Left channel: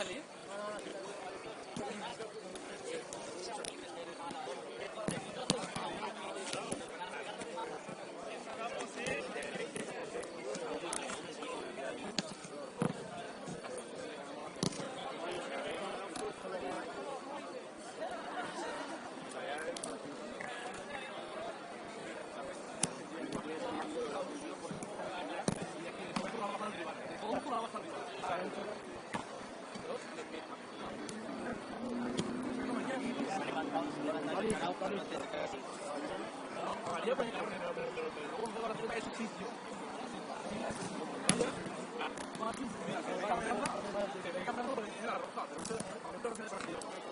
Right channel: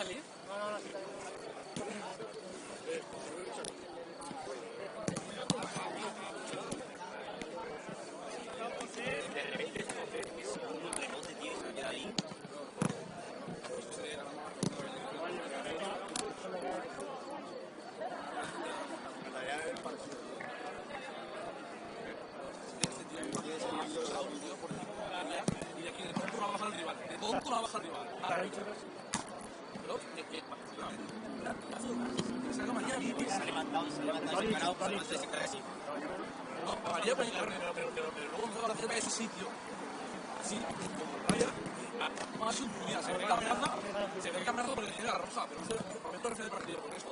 salir? Ese sitio, sí, mira, se ve cambiando porque tiene la roja, por eso esto refiere al partido, porque esto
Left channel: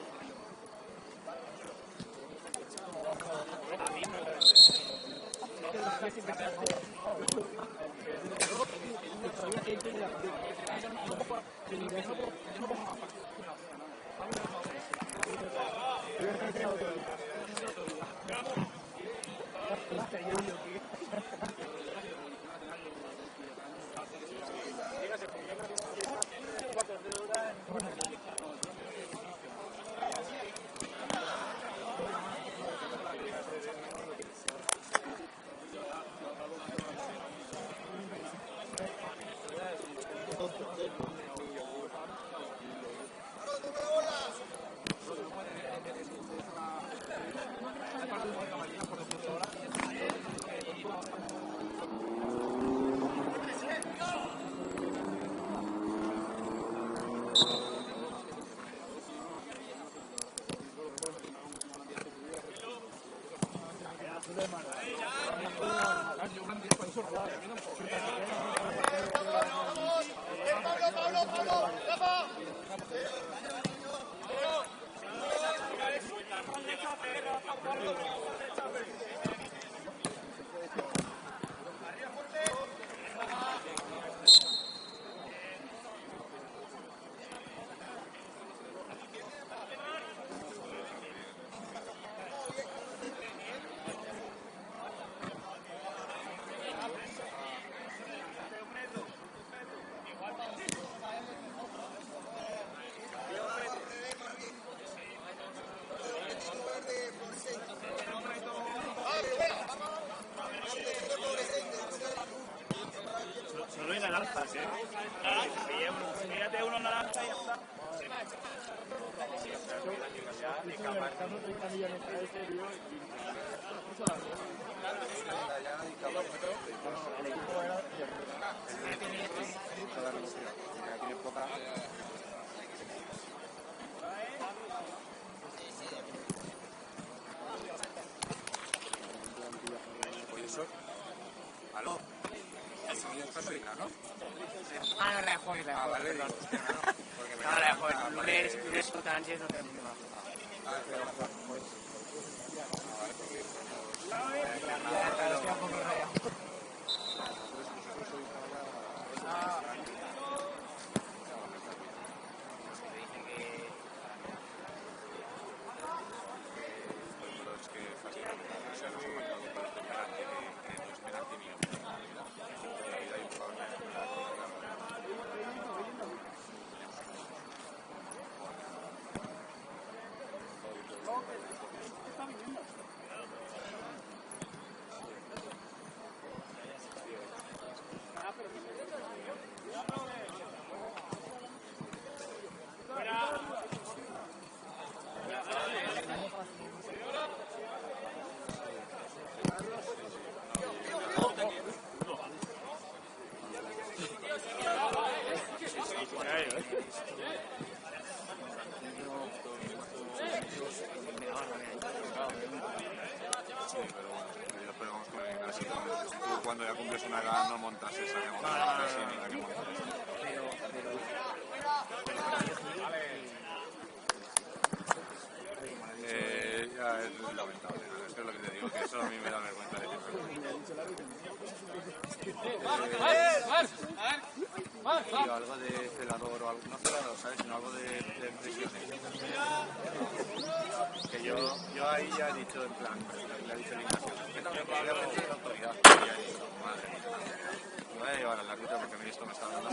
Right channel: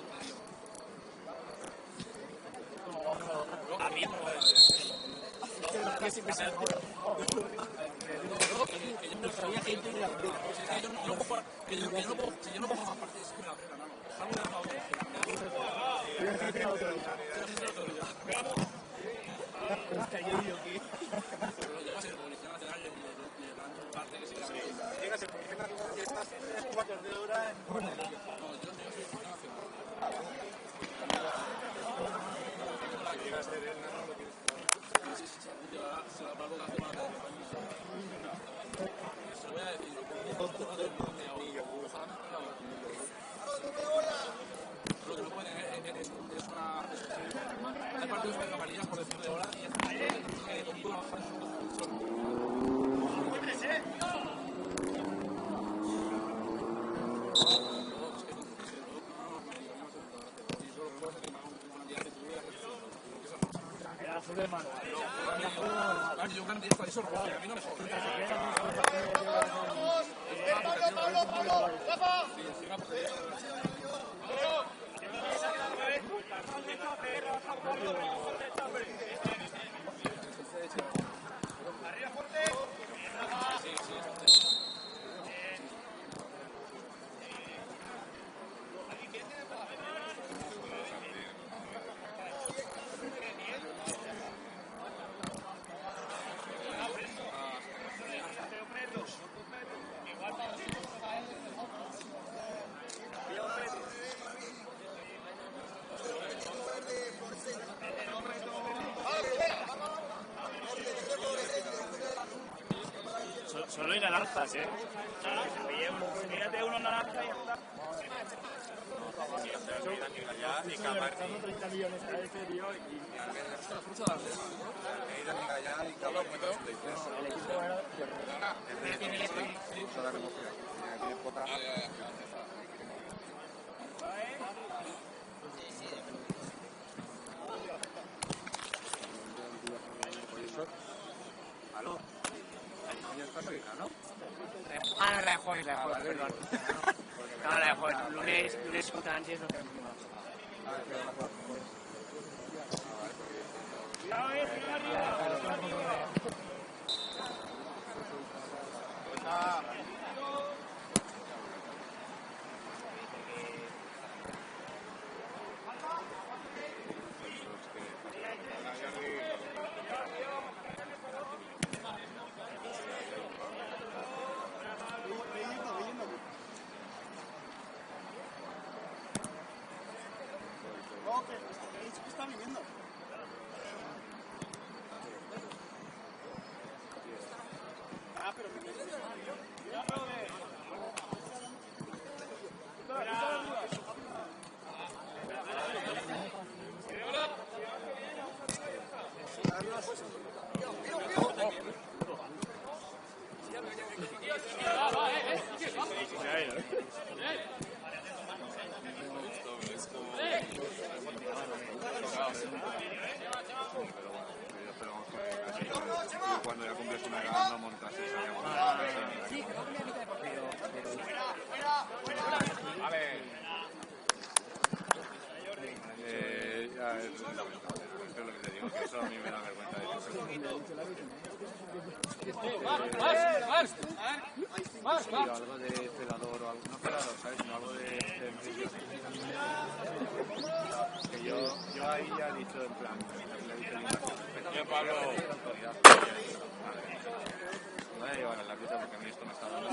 Solo hay naranjas, Mírate unos naranjas y ya está. El equipo era tiene poca. Ah, no, la de jueves, perdón. No, la de jueves. Lunes contra Ansies no tenemos nada. Cuando ya cumples una edad no montas eso. Ya es lo que te digo, que eso a mí me da vergüenza. Algo de celador o algo, no celador, ¿sabes? Sino algo de que yo ahí ya he dicho en plan, le he dicho Linda, autoridad. Madre. Me voy a llevar al árbitro porque a mí esto me está dando.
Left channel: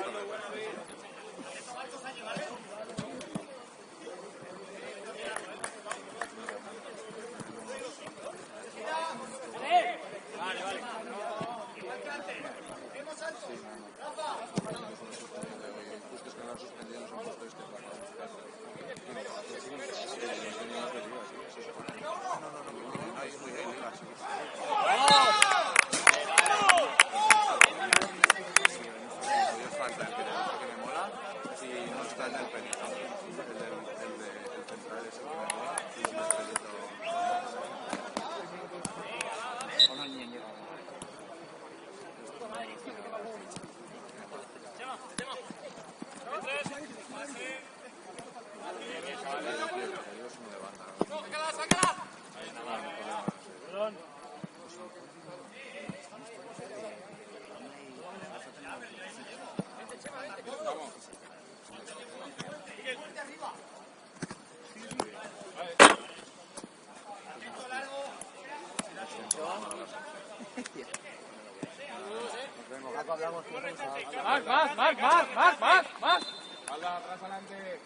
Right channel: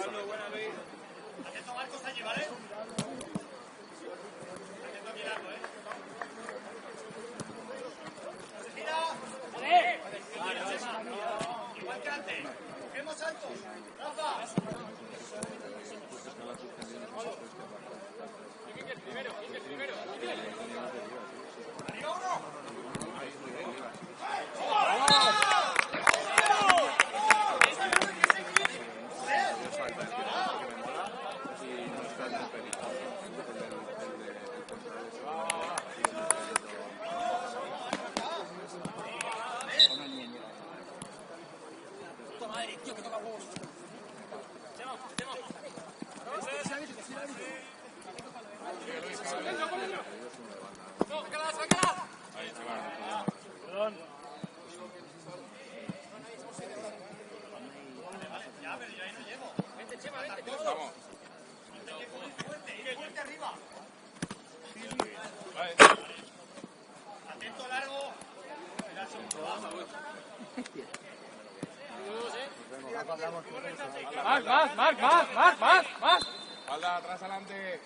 Más. Alda, atrás adelante.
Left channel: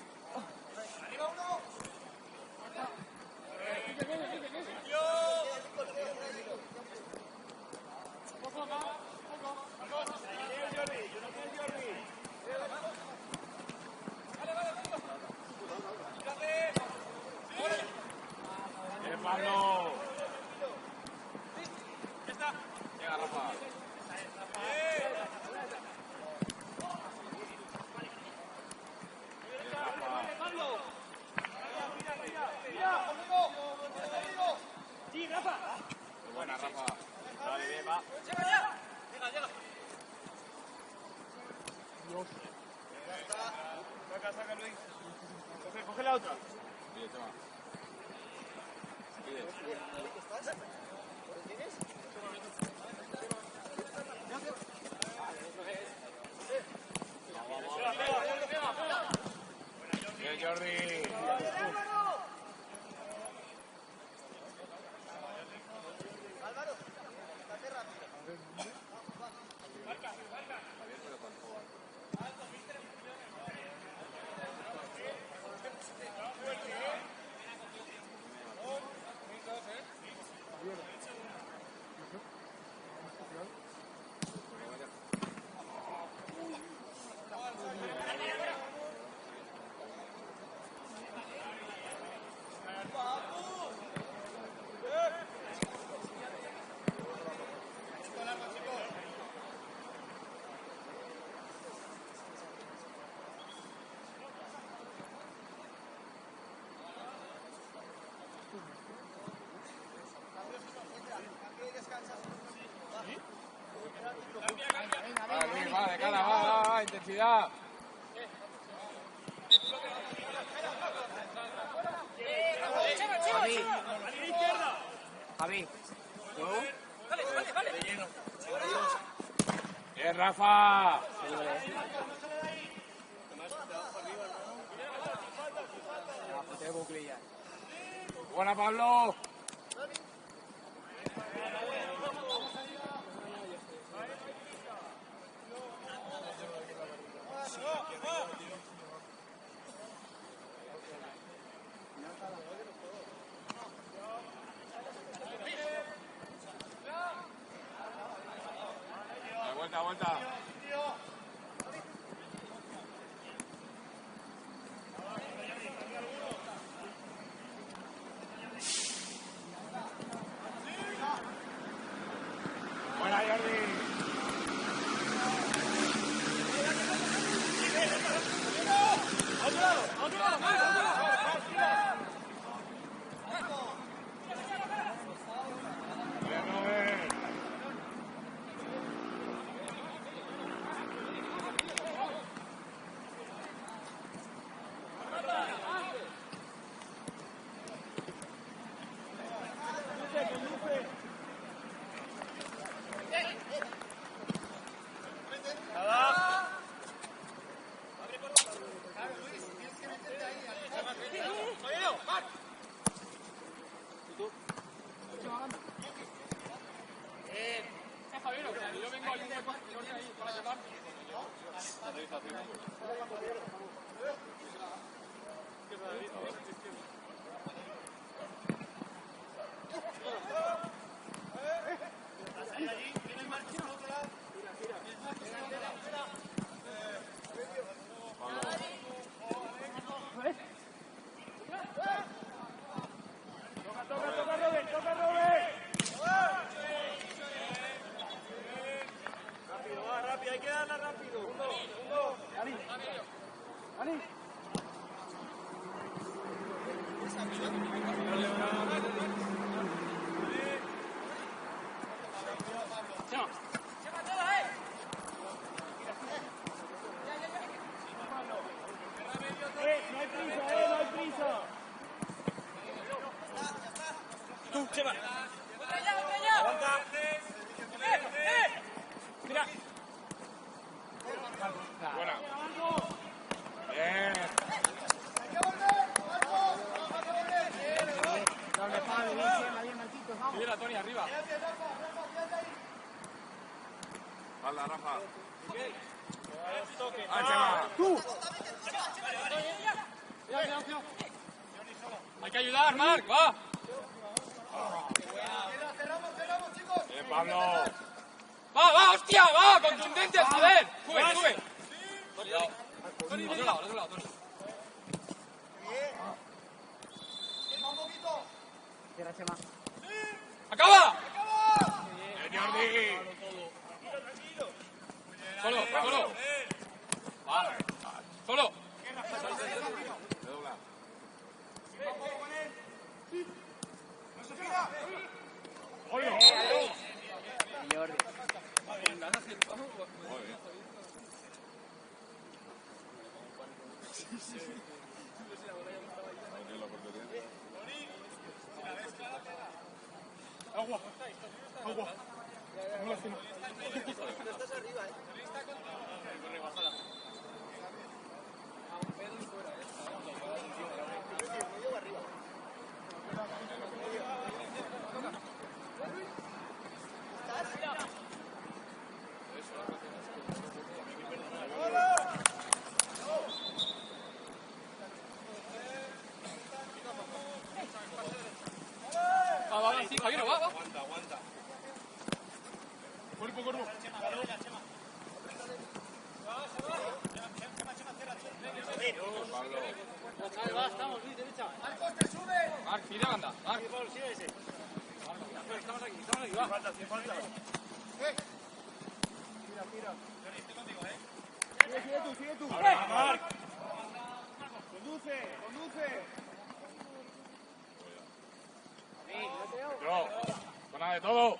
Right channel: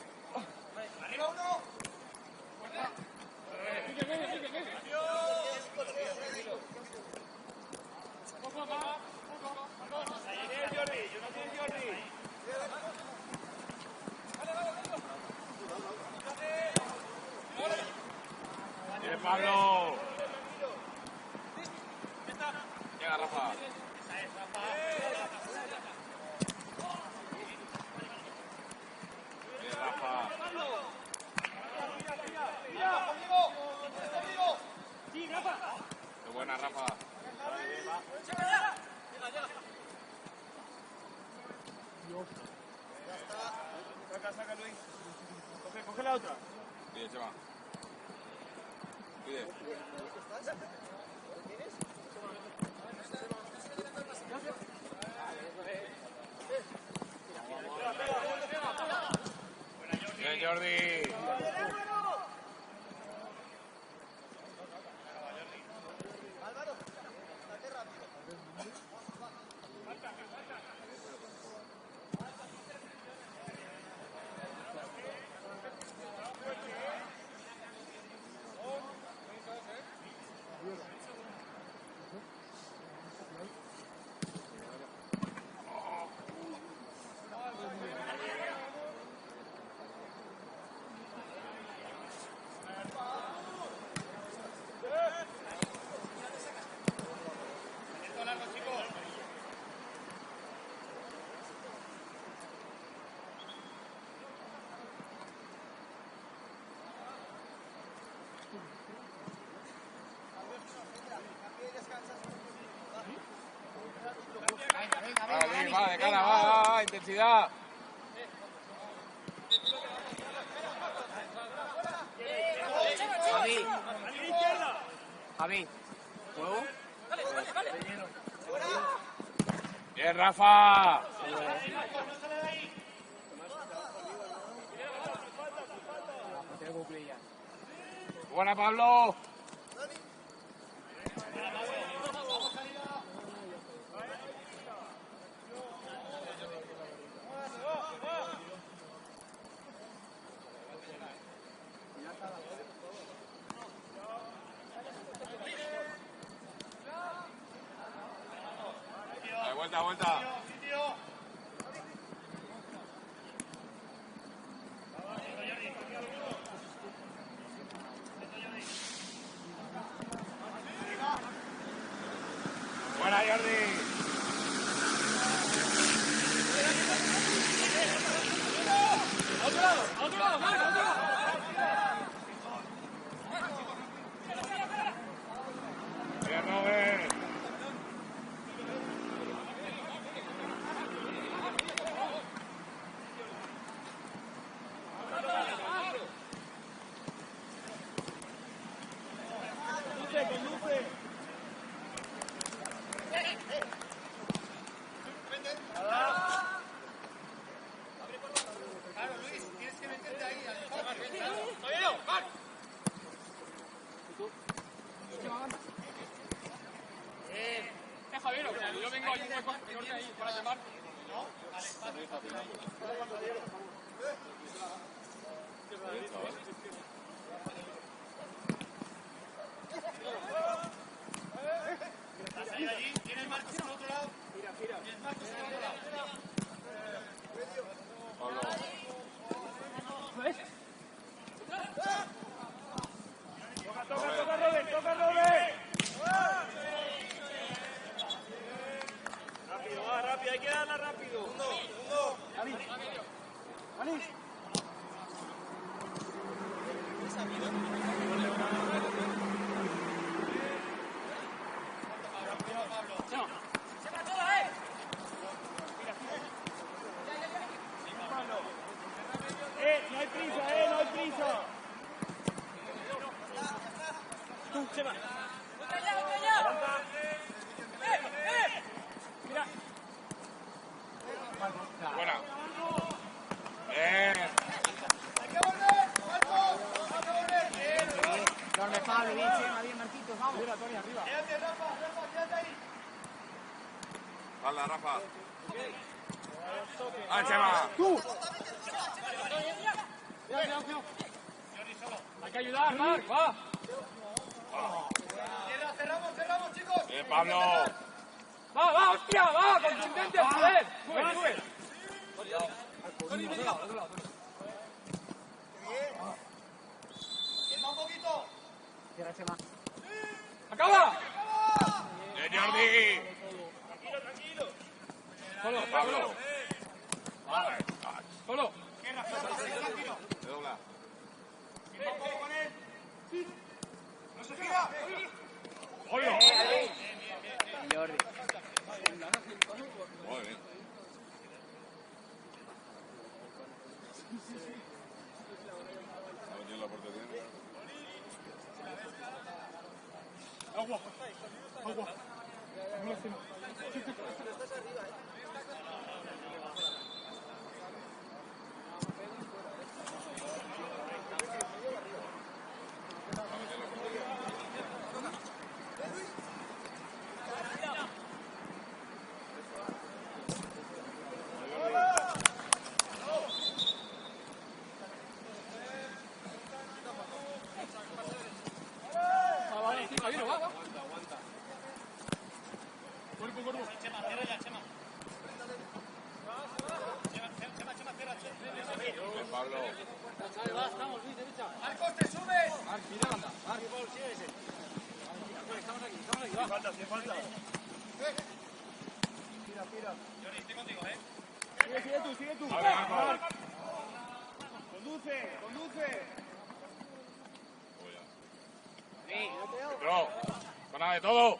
Bien, Pablo. Llega, Rafa. Muy buena, Rafa. Saca, Luis. Coge la otra. Pide, Chema. Pide. Bien, Jordi. Álvaro, estate rápido. Va, de cara, va, intensidad. Javi, ¿juego? Bien, Rafa. Buena, Pablo. Vuelta. Buena, Jordi. Bien, Robert. rápido, hay que darla rápido. Dani. Dani. No hay prisa, no hay prisa. Chema. ¡Otra ya! Mira. Buena. Cuando Pablo, bien, Marquitos, vamos. Mira, Tony, arriba. Dale, Rafa. ¡Ah, Chema! ¡Tú! Cuidado. Hay que ayudar, Marc, va. Cerramos, chicos. Pablo. Va, hostia, va, contundente, joder. Sube. Un poquito. Cierra, Chema. ¡Acaba! Jordi. Solo. Jordi. Muy bien. Agua. Sí, Javier, va. Cuerpo. Ahí va, estamos, bien derecha. Marc, tira, anda. Marc. Estamos aquí, va. Falta. Tira. Sigue tú. Vale. Conduce. Yo, gana de todo.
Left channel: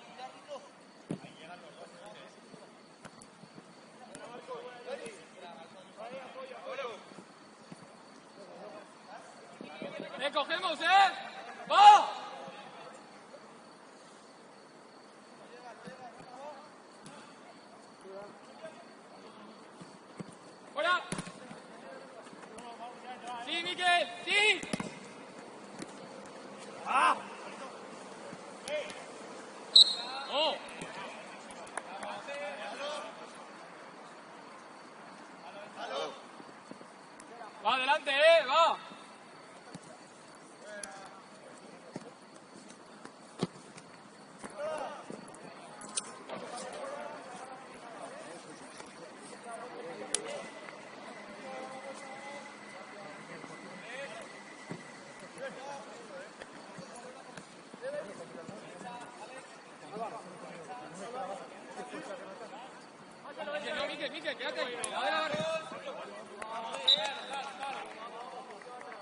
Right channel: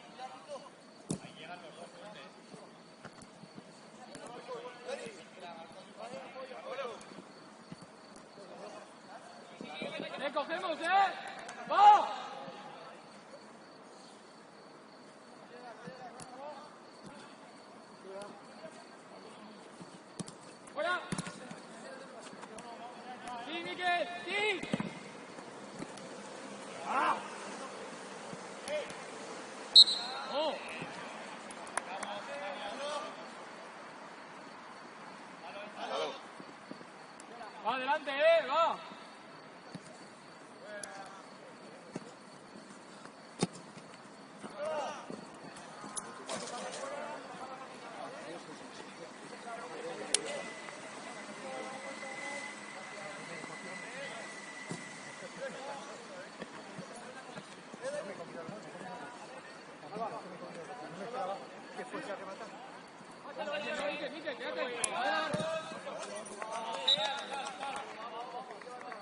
¡Le cogemos, ¡va! ¡Fuera! ¡Sí, Miquel! ¡Sí! Va adelante, va. Miquel, quédate.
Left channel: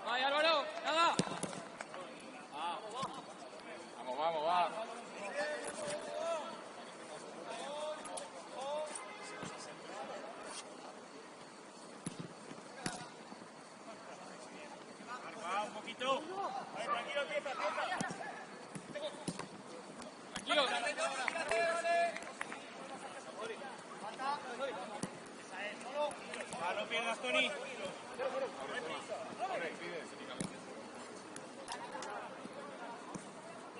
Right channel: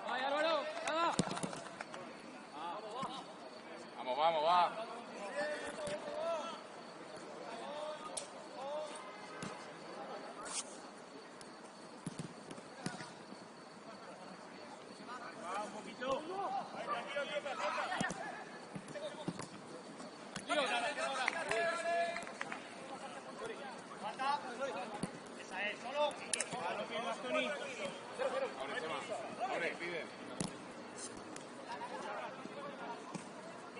Ay, Álvaro, nada. Vamos, va. Un poquito.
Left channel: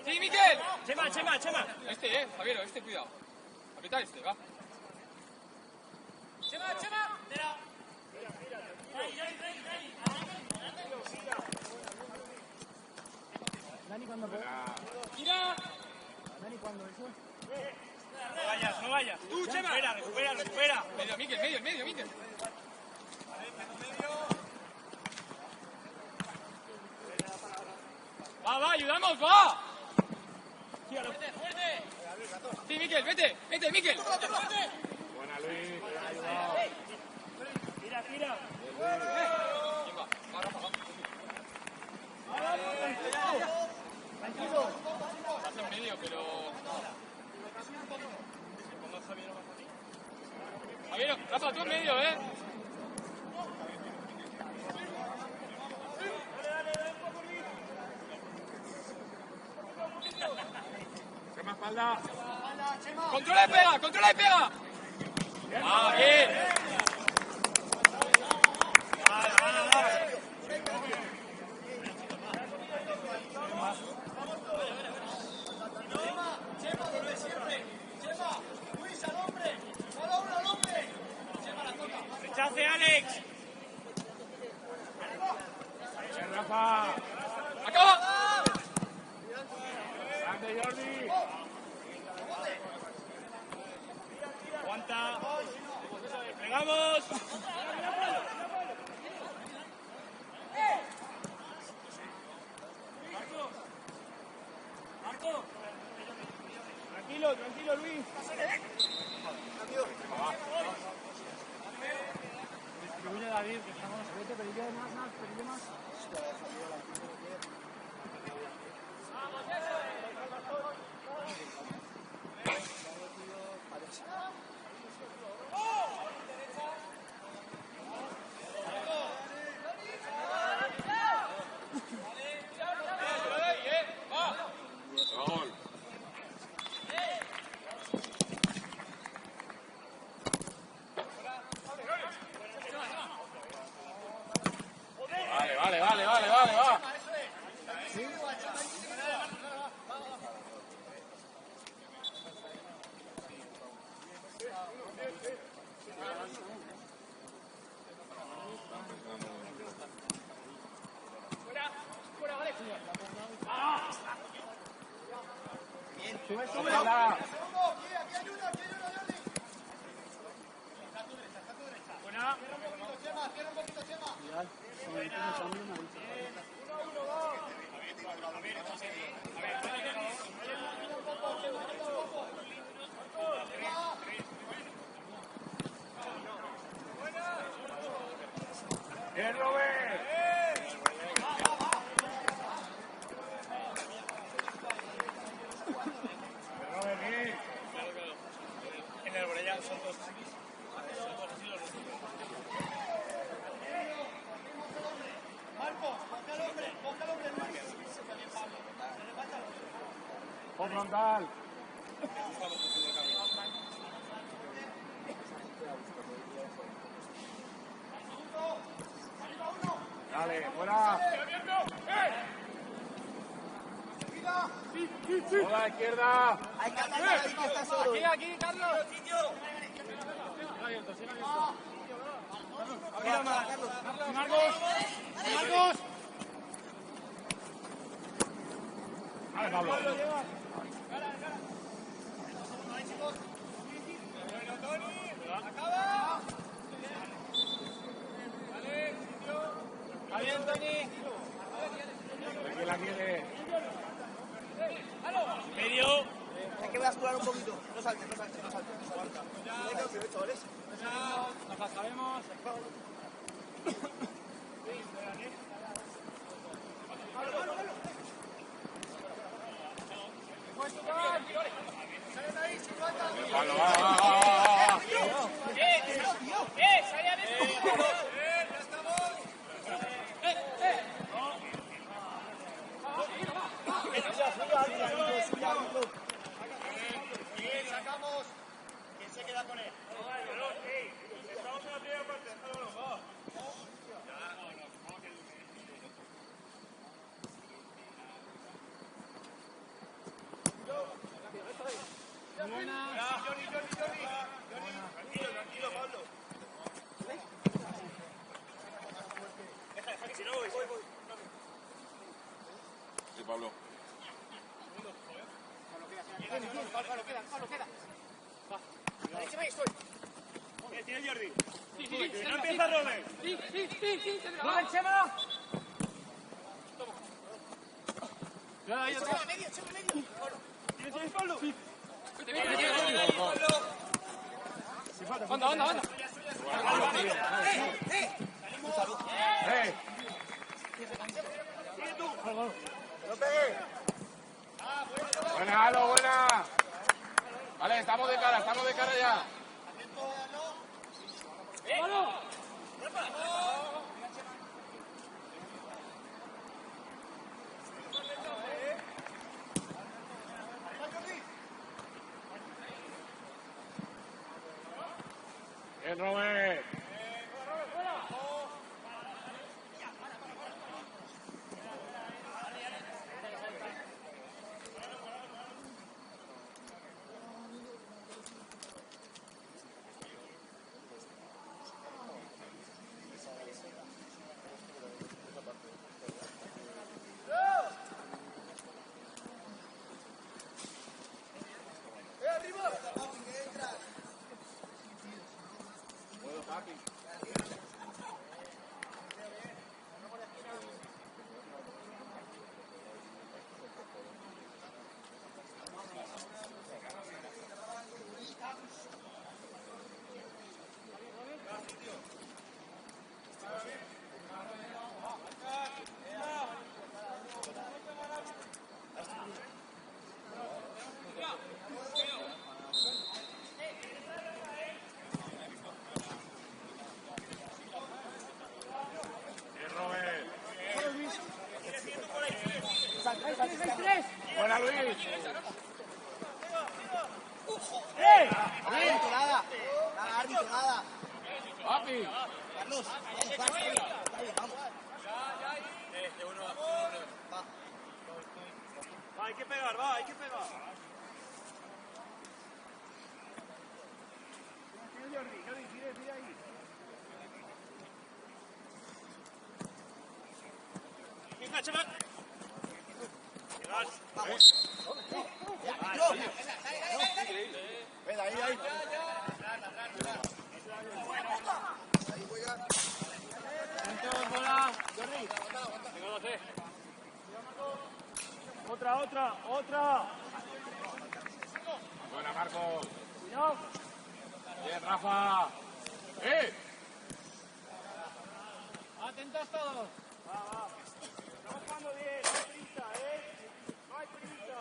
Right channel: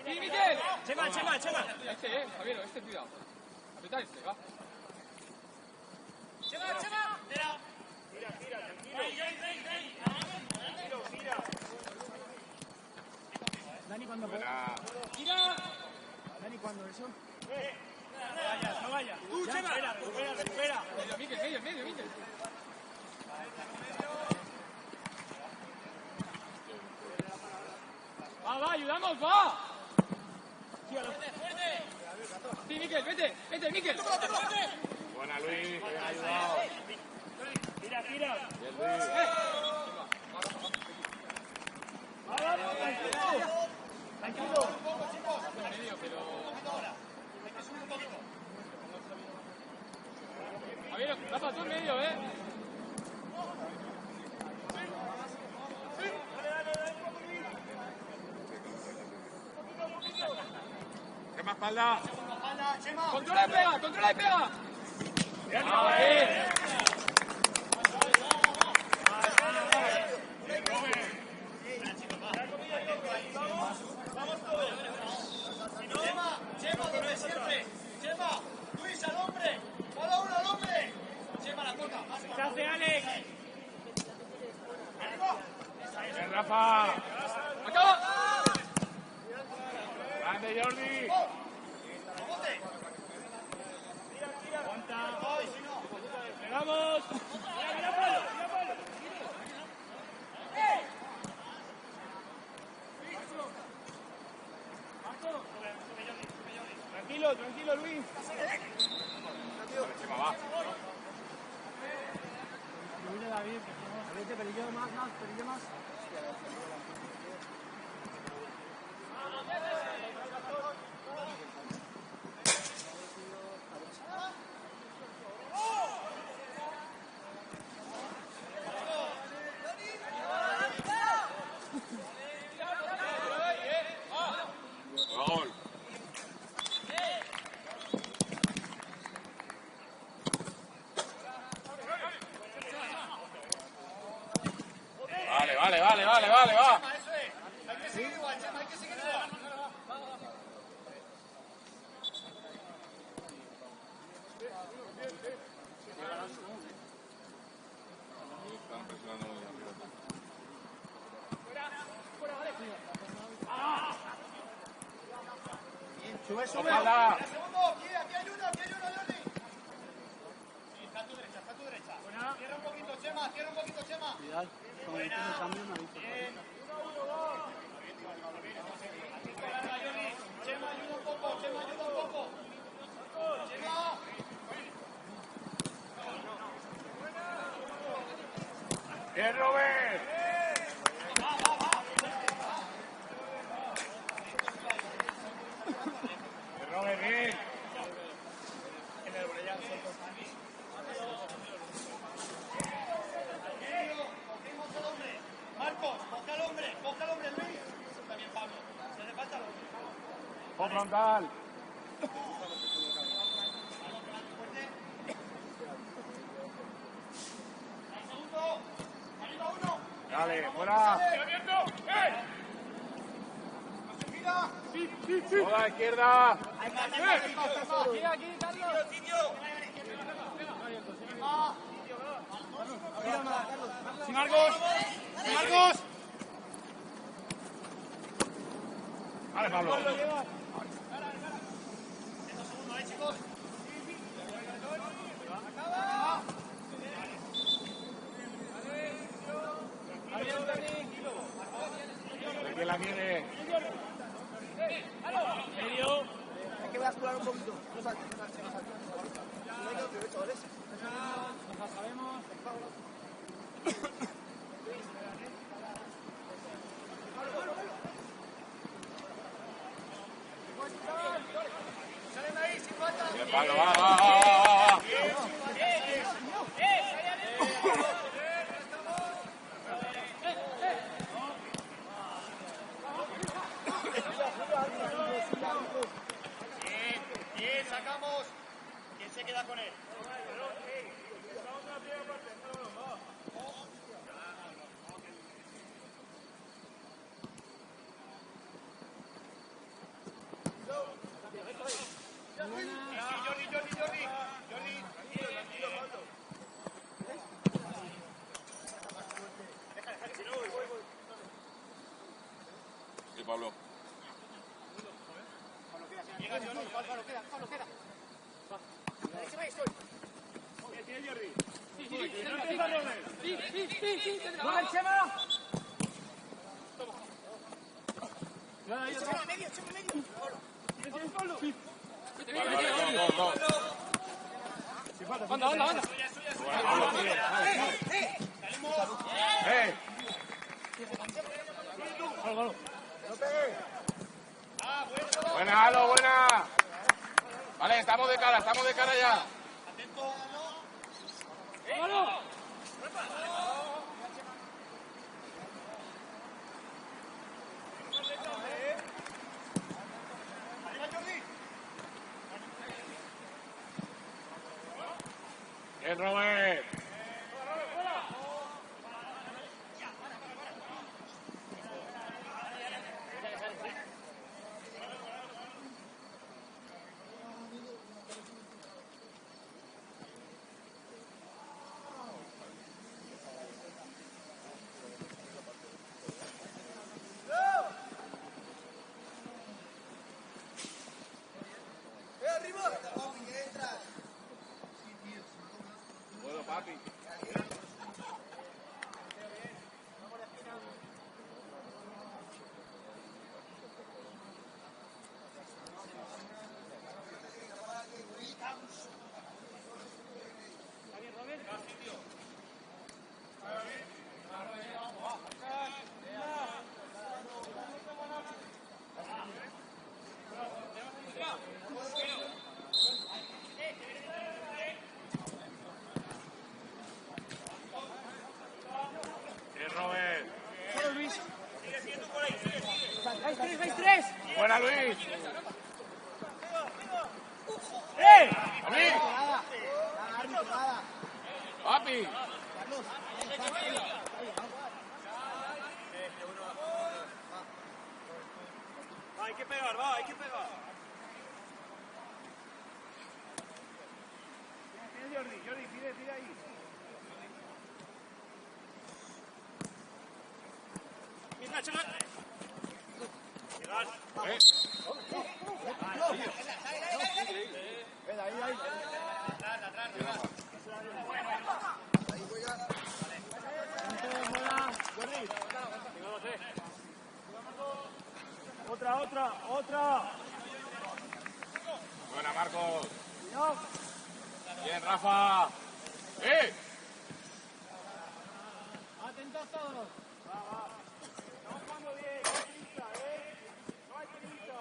¡Sí, Miquel! Chema. Este, Javier, cuidado. Capitán va. Chema. Dani, cuando tira. Dani, cuando eso. No vayas. Chema. Recupera. Medio, Miquel. Va, ayudamos, va. Sí, Miquel, vete, Miquel. Fuerte. Buena, Luis. Respira. Vamos, tranquilo. Tranquilo. Javier, pasa tú en medio, ¿eh? Dale, un poco, Luis. Un poquito. Chema, espalda. ¡Controla y pega! ¡Controla y pega! ¡Echaste, Alex! Rafa. ¡Acaba! Grande, Jordi. ¡Aguanta! ¡Pegamos! Tranquilo, Luis. Gol. Vale, va. Ojalá. Bien, Robert. Robert, bien. En el Orellán son dos. Por frontal. Dale, fuera. Toda a la izquierda. Aquí, Carlos. Marcos. Vale, Pablo. Aquí la tiene. Medio. Hay que bascular un poquito. No saltes. Pablo, va. Sacamos. ¿Quién se queda con él? Sí, Pablo. Pablo, queda. Tiene Jordi. No empieza Robert. ¡Robert, Chema! Chema, medio. ¿Tienes Pablo? Go. Anda, anda, anda. Buena, Halo, buena. Vale, estamos de cara ya. El Robert. Buena, Luis. Papi. Va, hay que pegar, va, hay que pegar. Jordi, tira ahí. Otra. Buena, Marcos. Cuidado. Bien, Rafa. Atentos todos. Va. Estamos jugando bien, no hay prisa, No hay prisa.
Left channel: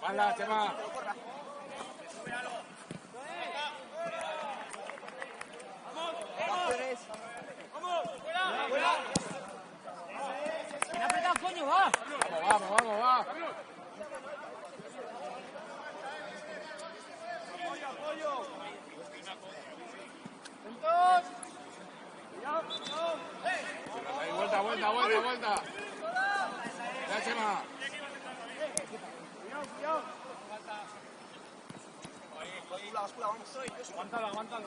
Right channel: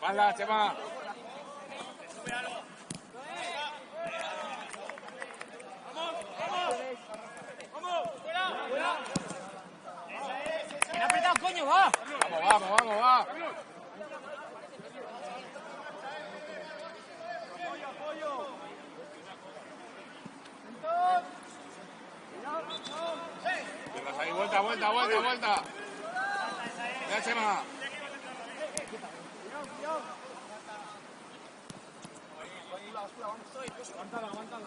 Mala, Chema. Vamos, fuera. ¡Que no apretado, coño, va! Vamos. Apoyo. Entonces. Ahí, vuelta. Ya, Chema. Cuidado. Aguántalo.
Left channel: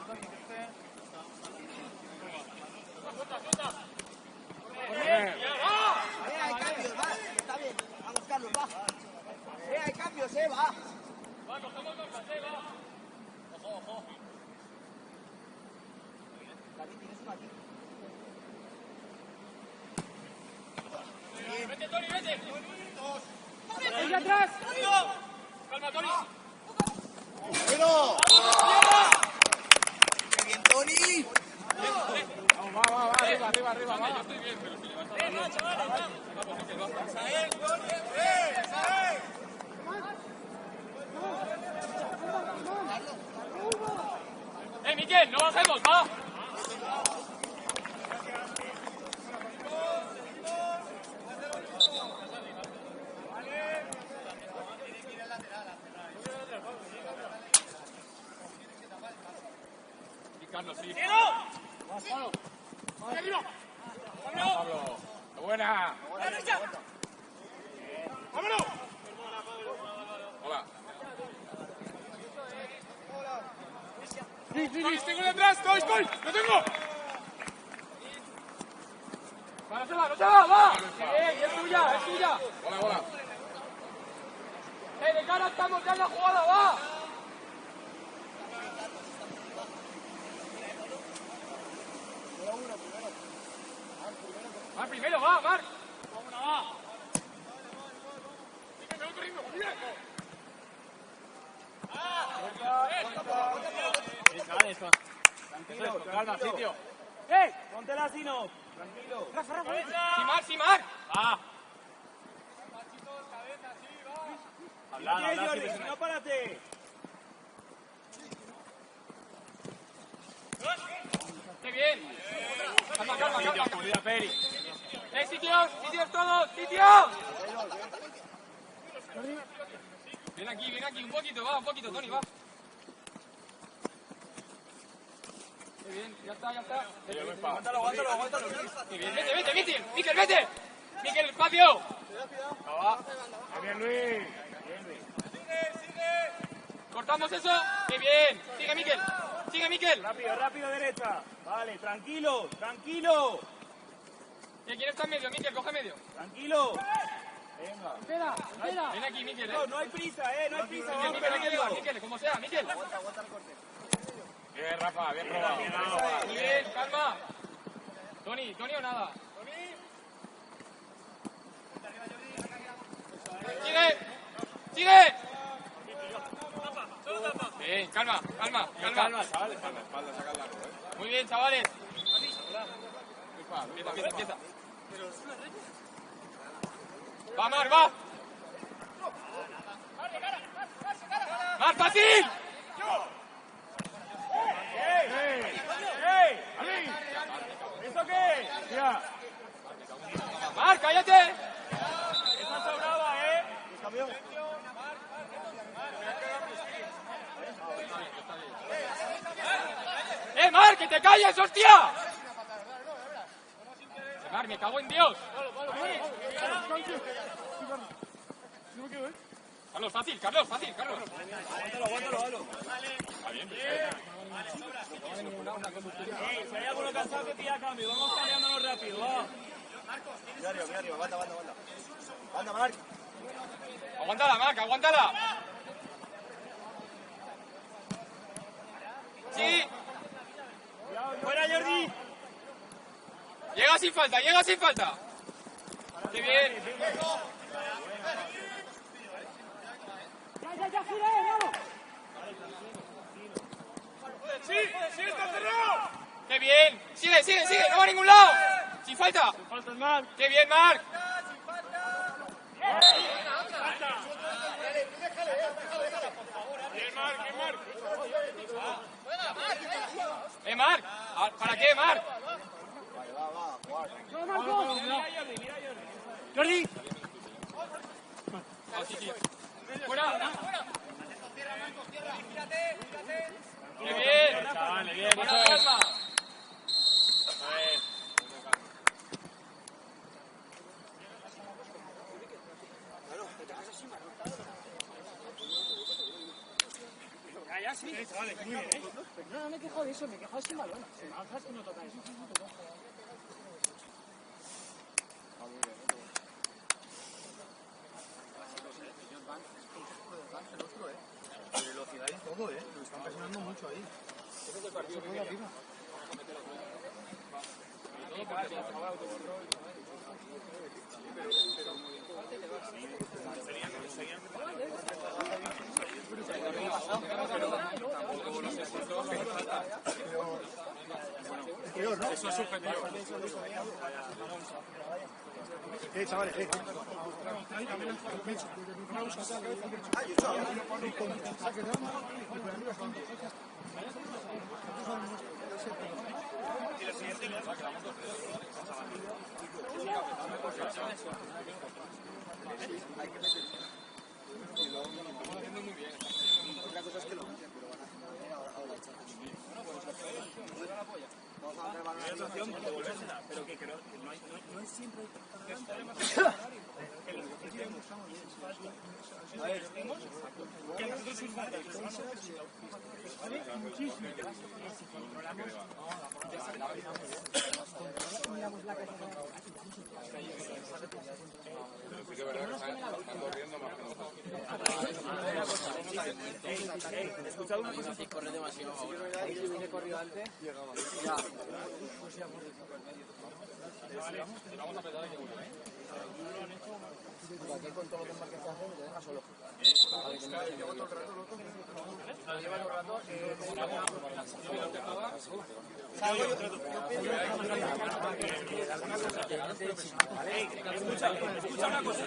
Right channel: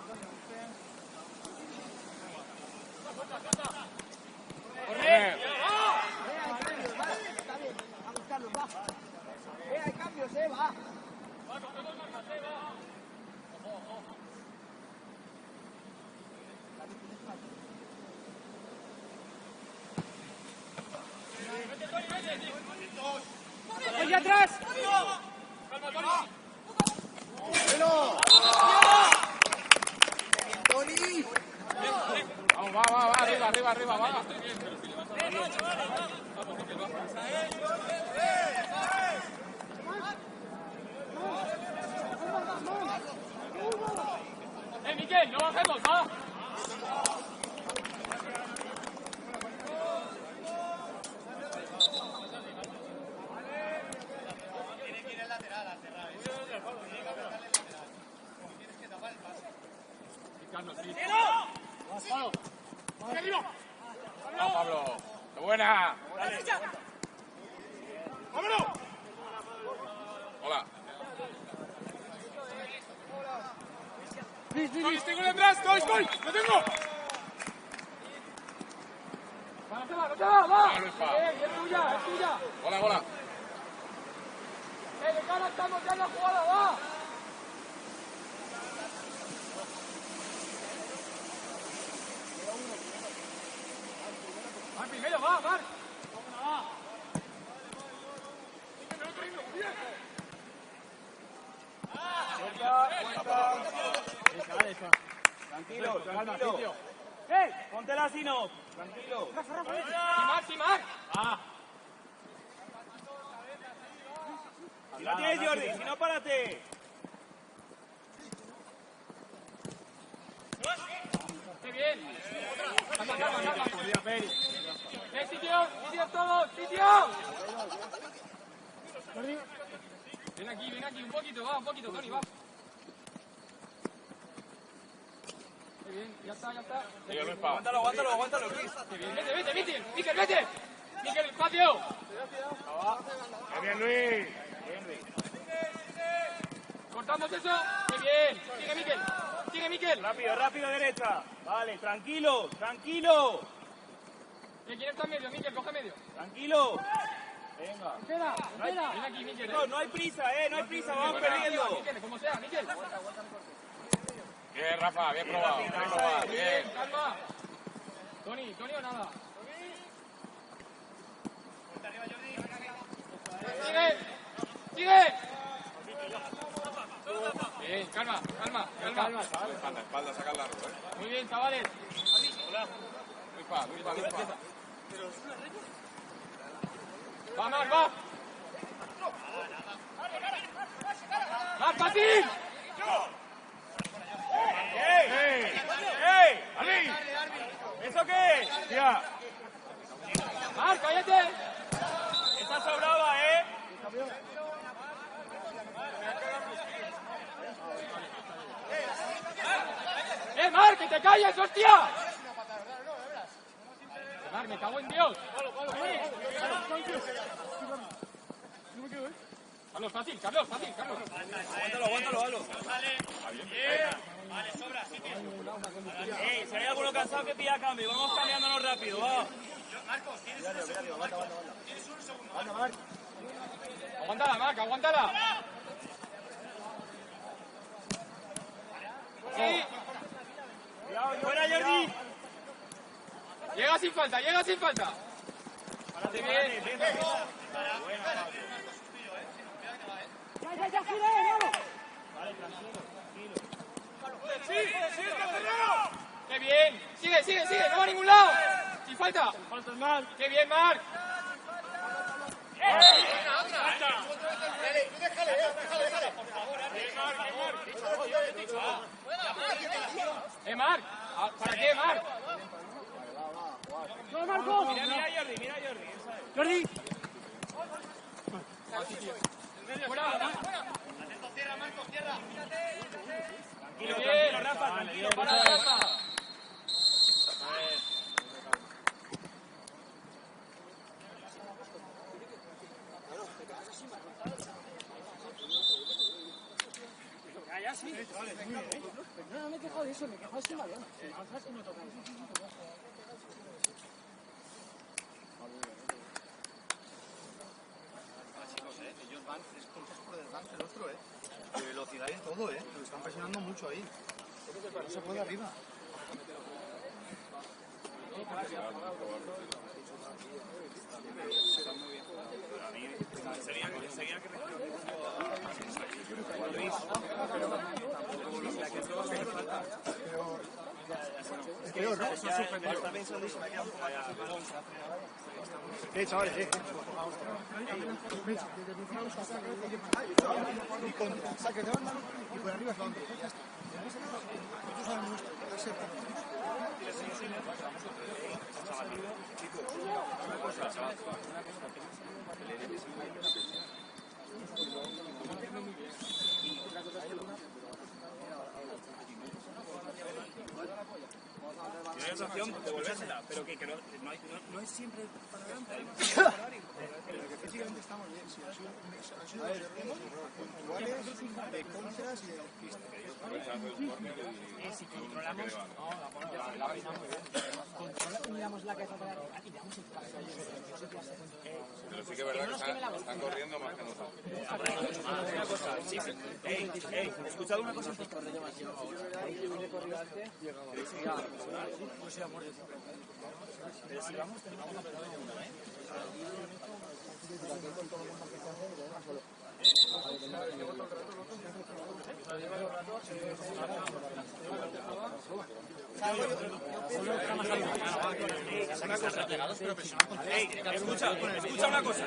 Hay cambios, va. ¡Ahí atrás! Vamos, arriba. Yo estoy bien, pero estoy bien. Miguel, no bajemos, va. Pablo. Buena. ¡Vámonos! Hola. Estoy detrás, estoy. ¡Lo tengo! ¡No te va! ¡Va! ¡Es tuya! Hola. De cara estamos ya en la jugada, va. primero, va, Marc. Tranquilo, calma, sitio. Póntela así, no. Tranquilo. Sí, Marc. La tienes, Jordi, si no, párate. ¡Qué bien! ¡Sitio todos! ¡Sitio! Ven aquí, un poquito, Toni, va. Qué bien, ya está. Aguántalo. Qué bien, vete, Miquel, vete. Miquel, espacio. Bien, Luis. Cortamos eso. Qué bien. Sigue, Miquel. Rápido, derecha. Vale, tranquilo. ¿Quién está en medio, Miquel? Coge medio. Tranquilo. Venga. Espera. Ven aquí, Miquel. No hay prisa, vamos perdiendo. Miquel, como sea, Miquel. Bien, Rafa, bien probado. Bien, calma. Toni o nada. Sigue. Bien, calma. Chavales, espalda, saca el largo, Muy bien, chavales. Empieza. Va, Marc, va. ¡Más fácil! ¡Ey! ¿Eso qué es? Mira. ¡Marc, cállate! Esa sobraba, Marc, que te calles, hostia! Marc, me cago en Dios. Carlos, fácil. Aguántalo. Si hay alguno cansado que pida cambio, vamos cambiándonos rápido, va. Aguántala, Marc, aguántala. Sí. ¡Fuera, Jordi! Llega sin falta. Qué bien. Ya, gira, vamos. Qué bien. Sigue, no va a ningún lado. Sin falta. Qué bien, Marc. Marc, ¿para qué, Marc? No, Marcos. Jordi. Qué bien. No me quejo de eso, me quejo de sin balón. Si me alzas y me toca eso. Velocidad en todo, están presionando mucho ahí. Se puede arriba. Es peor, ¿no? Chavales, sensación de devolvérsela, pero que no es siempre Pero sí que es verdad que están corriendo más que nosotros. escuchad una cosa. Escucha una cosa.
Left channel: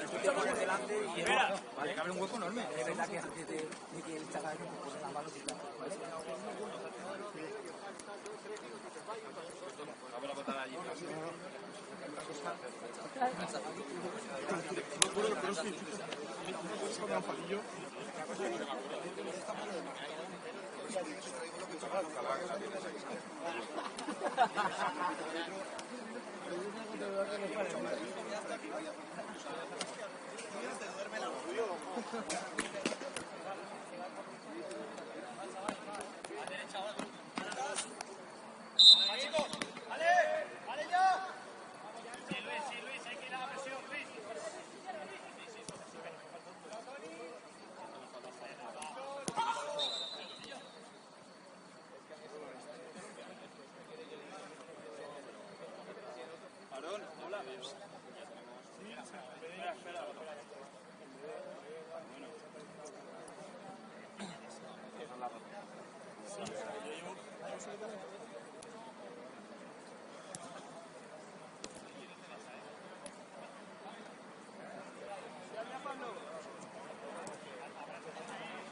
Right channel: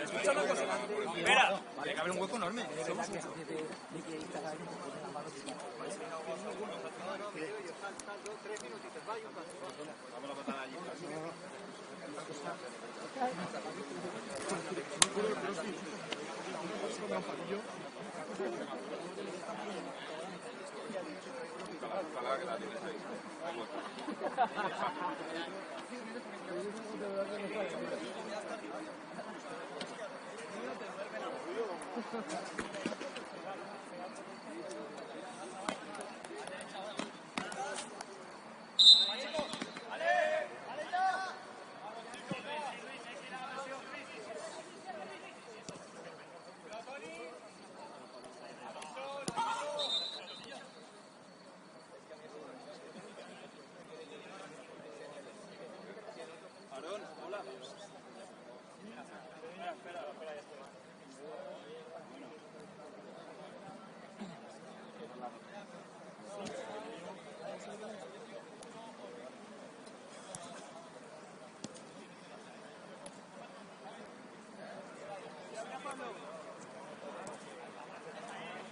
Espera. Vale, cabe un hueco enorme.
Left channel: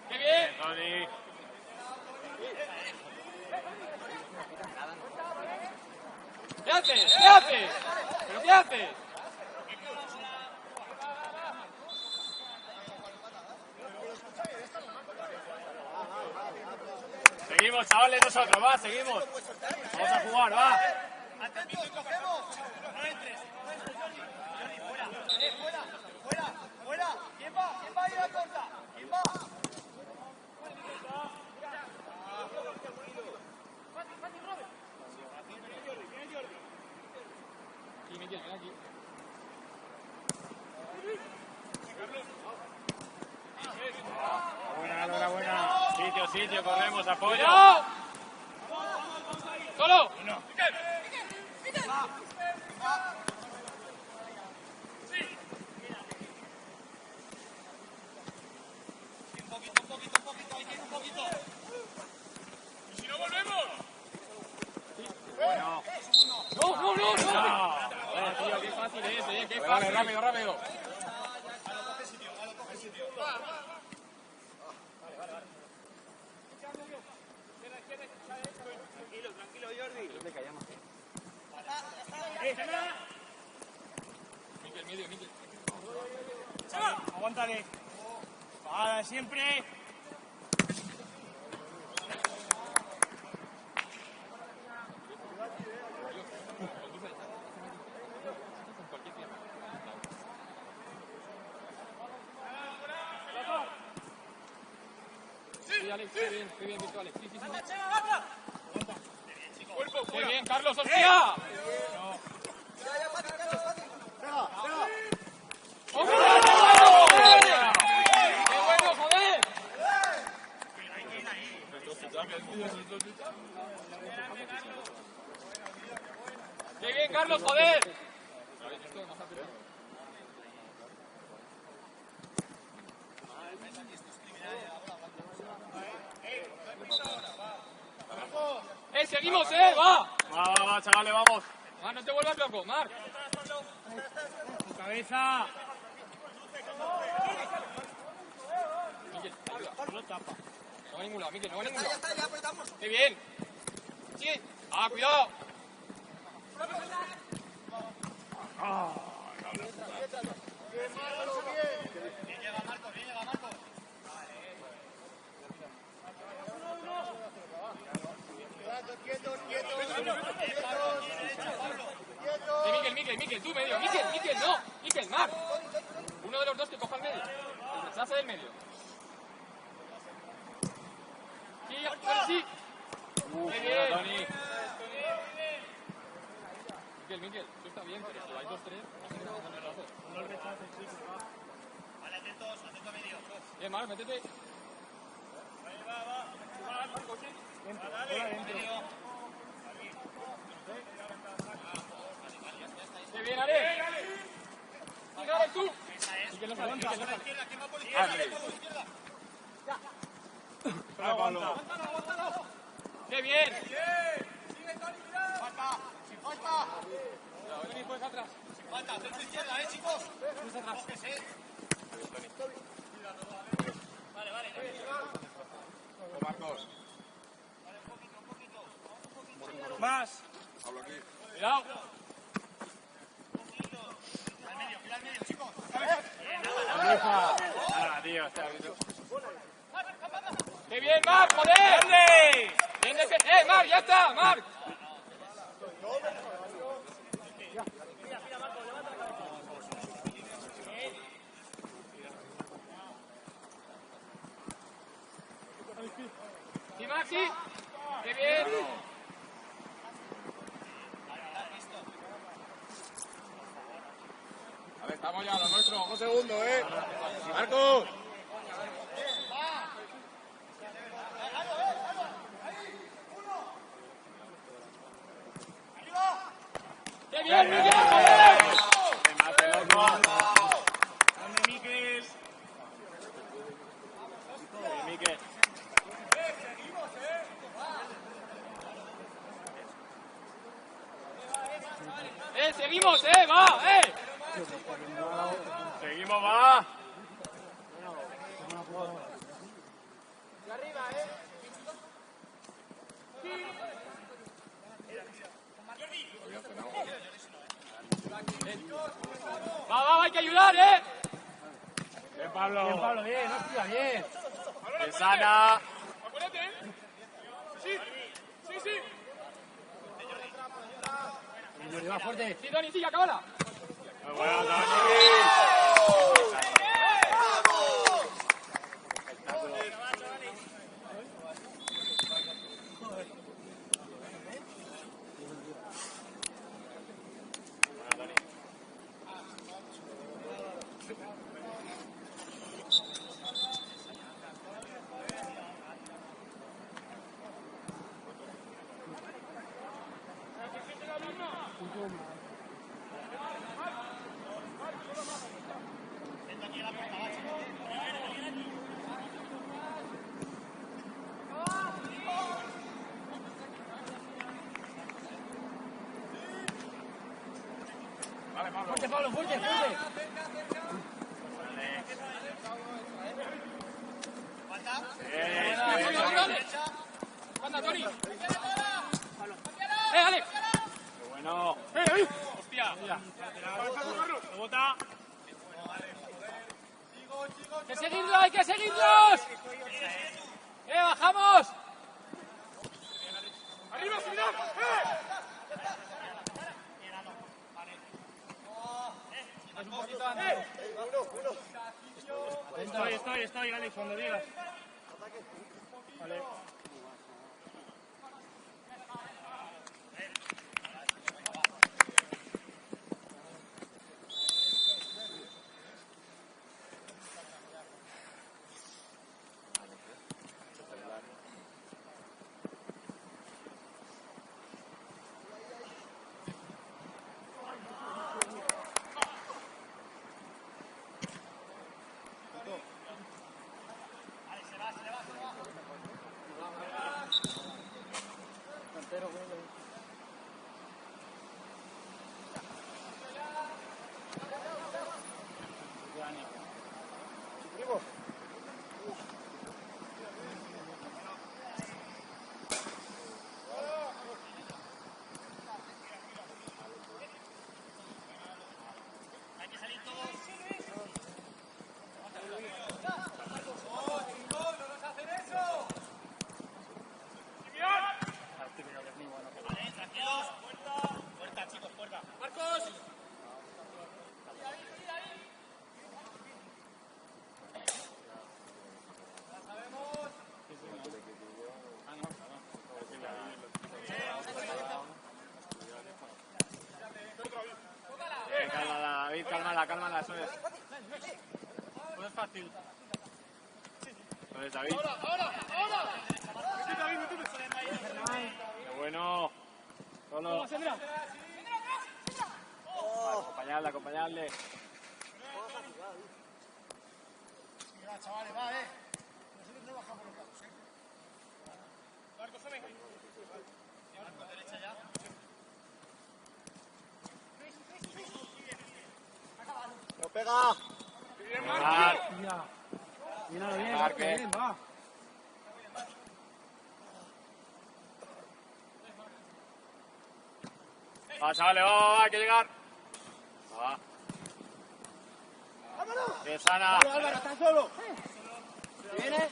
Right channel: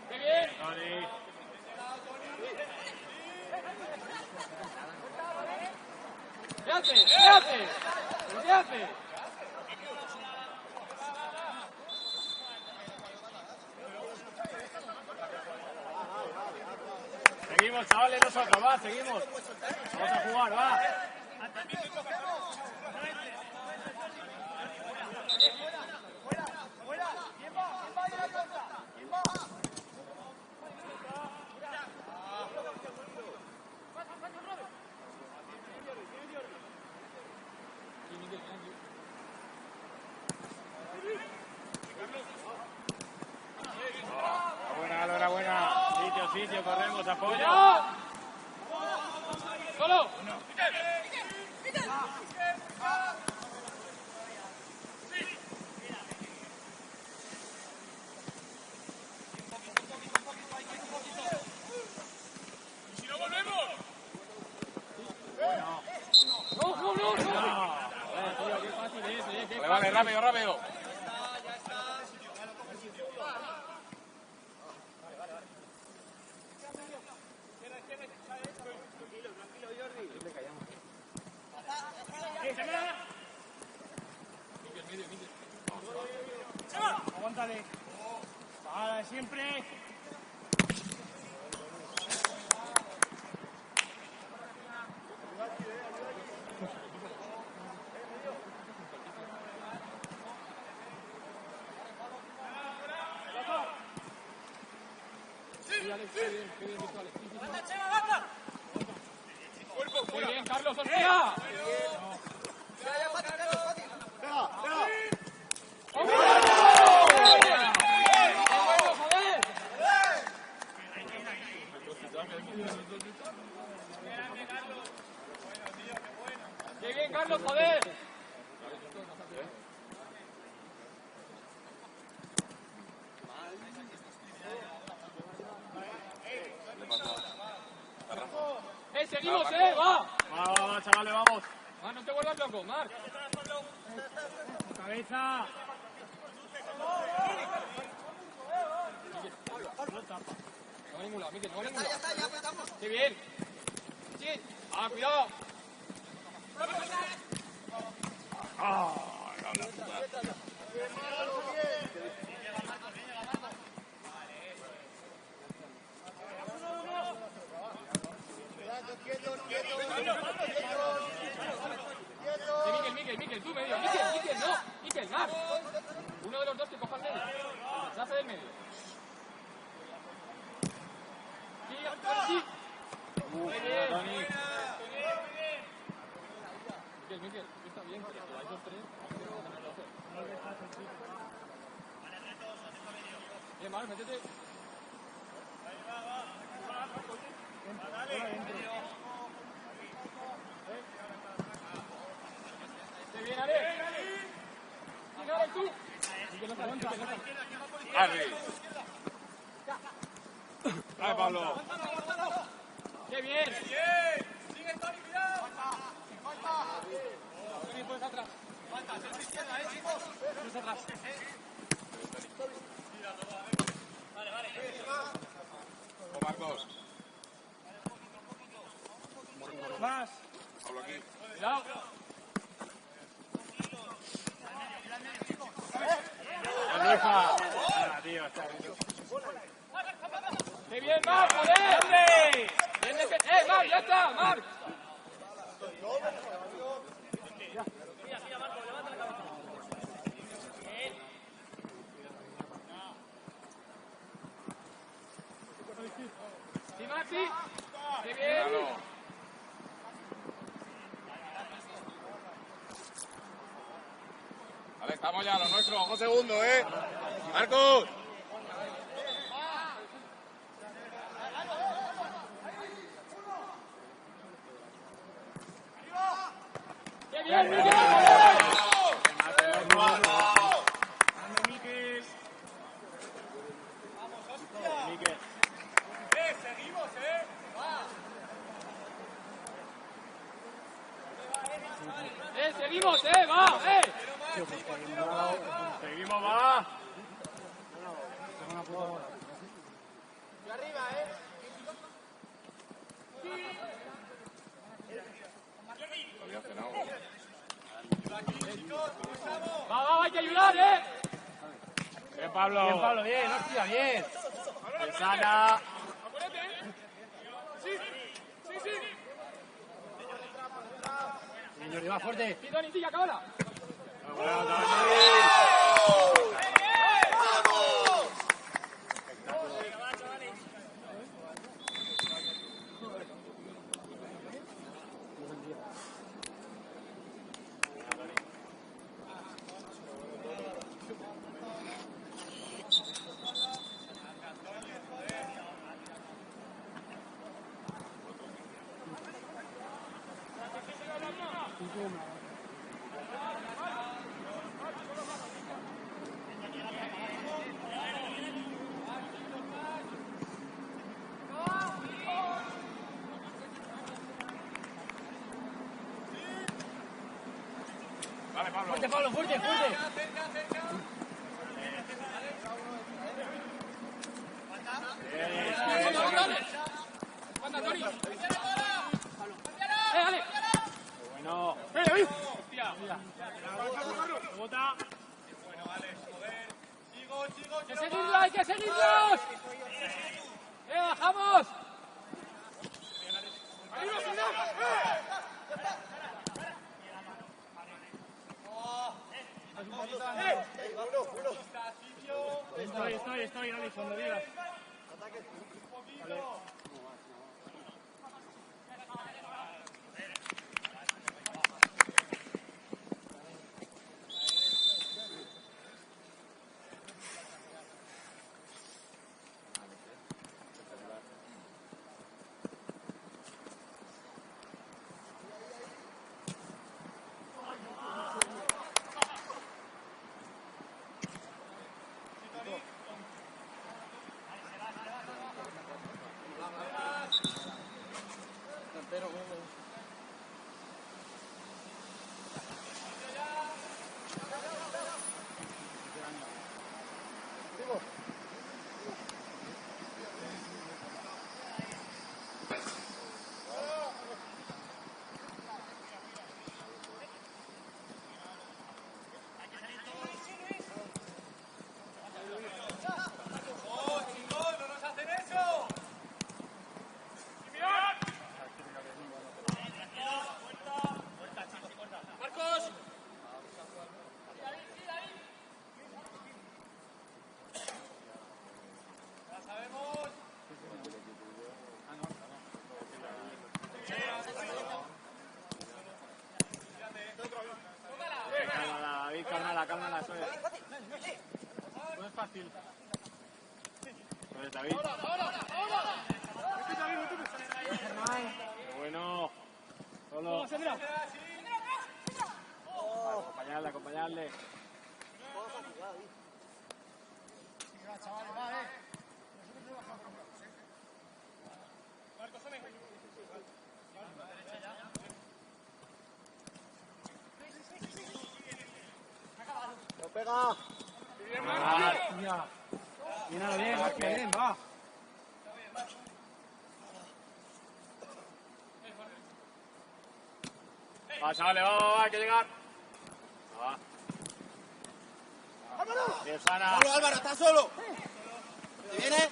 ¡Qué bien! ¿Qué haces? ¿Qué haces? ¿Qué haces? Seguimos, chavales, nosotros, va, seguimos. Vamos a jugar, va. Enhorabuena. Sitio, corremos, apoyo. ¡Solo! ¿Y si no volvemos? ¡No! Tío, qué fácil es, qué fácil. Vale, rápido. Aguántale. Siempre. Qué bien, virtuales. ¡Banda, Chema, banda! ¡Cuerpo, fuera! ¡Qué bien, Carlos, hostia! ¡Qué bien, Carlos, joder! ¡Seguimos, va! Va, chavales, vamos. No te vuelvas loco, Marc. Cabeza. No va a ningún lado, Miquel, no va a ningún lado. ¡Qué bien! ¡Sí! ¡Ah, cuidado! Miquel, tú medio. Miquel, no. Miquel, Marc. Uno de los dos que coja el medio. Rechaza del medio. Sí. Muy bien. Miquel, tú estás bien, pero si hay 2-3. Bien, Marc, métete. ¡Qué bien, Ale! ¡Sigue, Ale, tú! ¡Ah, Pablo! ¡Qué bien! Toni, puedes atrás. Vale, vale. Marcos. Más. Pablo aquí. Cuidado. Tío, está bien. ¡Qué bien, Marc! ¡Joder! ¡Bien de que... Marc, ya está! ¡Marc! ¡Sí, Marc, sí! ¡Qué bien! Vale, estamos ya, los nuestros. Un segundo, Marcos. ¡Qué bien, Miguel! ¡Seguimos, va! Seguimos, va. Va, hay que ayudar, Bien, Pablo. Bien, Pablo, bien, hostia, bien. Sana. Acuérdate, Sí. Señor, va fuerte. Sí, Dani, sí, acábala. Muy bueno, Dani. Fuerte, Pablo, fuerte, fuerte. ¡Anda, Toni! Ale! Bueno. ¡Ahí! ¡Hostia! ¡Que seguirlo, hay que seguirlos! ¡Bajamos! ¡Arriba, cuidado! Estoy, Alex, cuando digas. Cámara, eso es. No es fácil. Eso es, David. ¡Ahora! Solo. Acompañarle, acompañarle. Pega. Mira. Mira bien, bien, va. Va, chavales, va, hay que llegar. Va. Bien, Sana. Álvaro, está solo. ¿Te viene?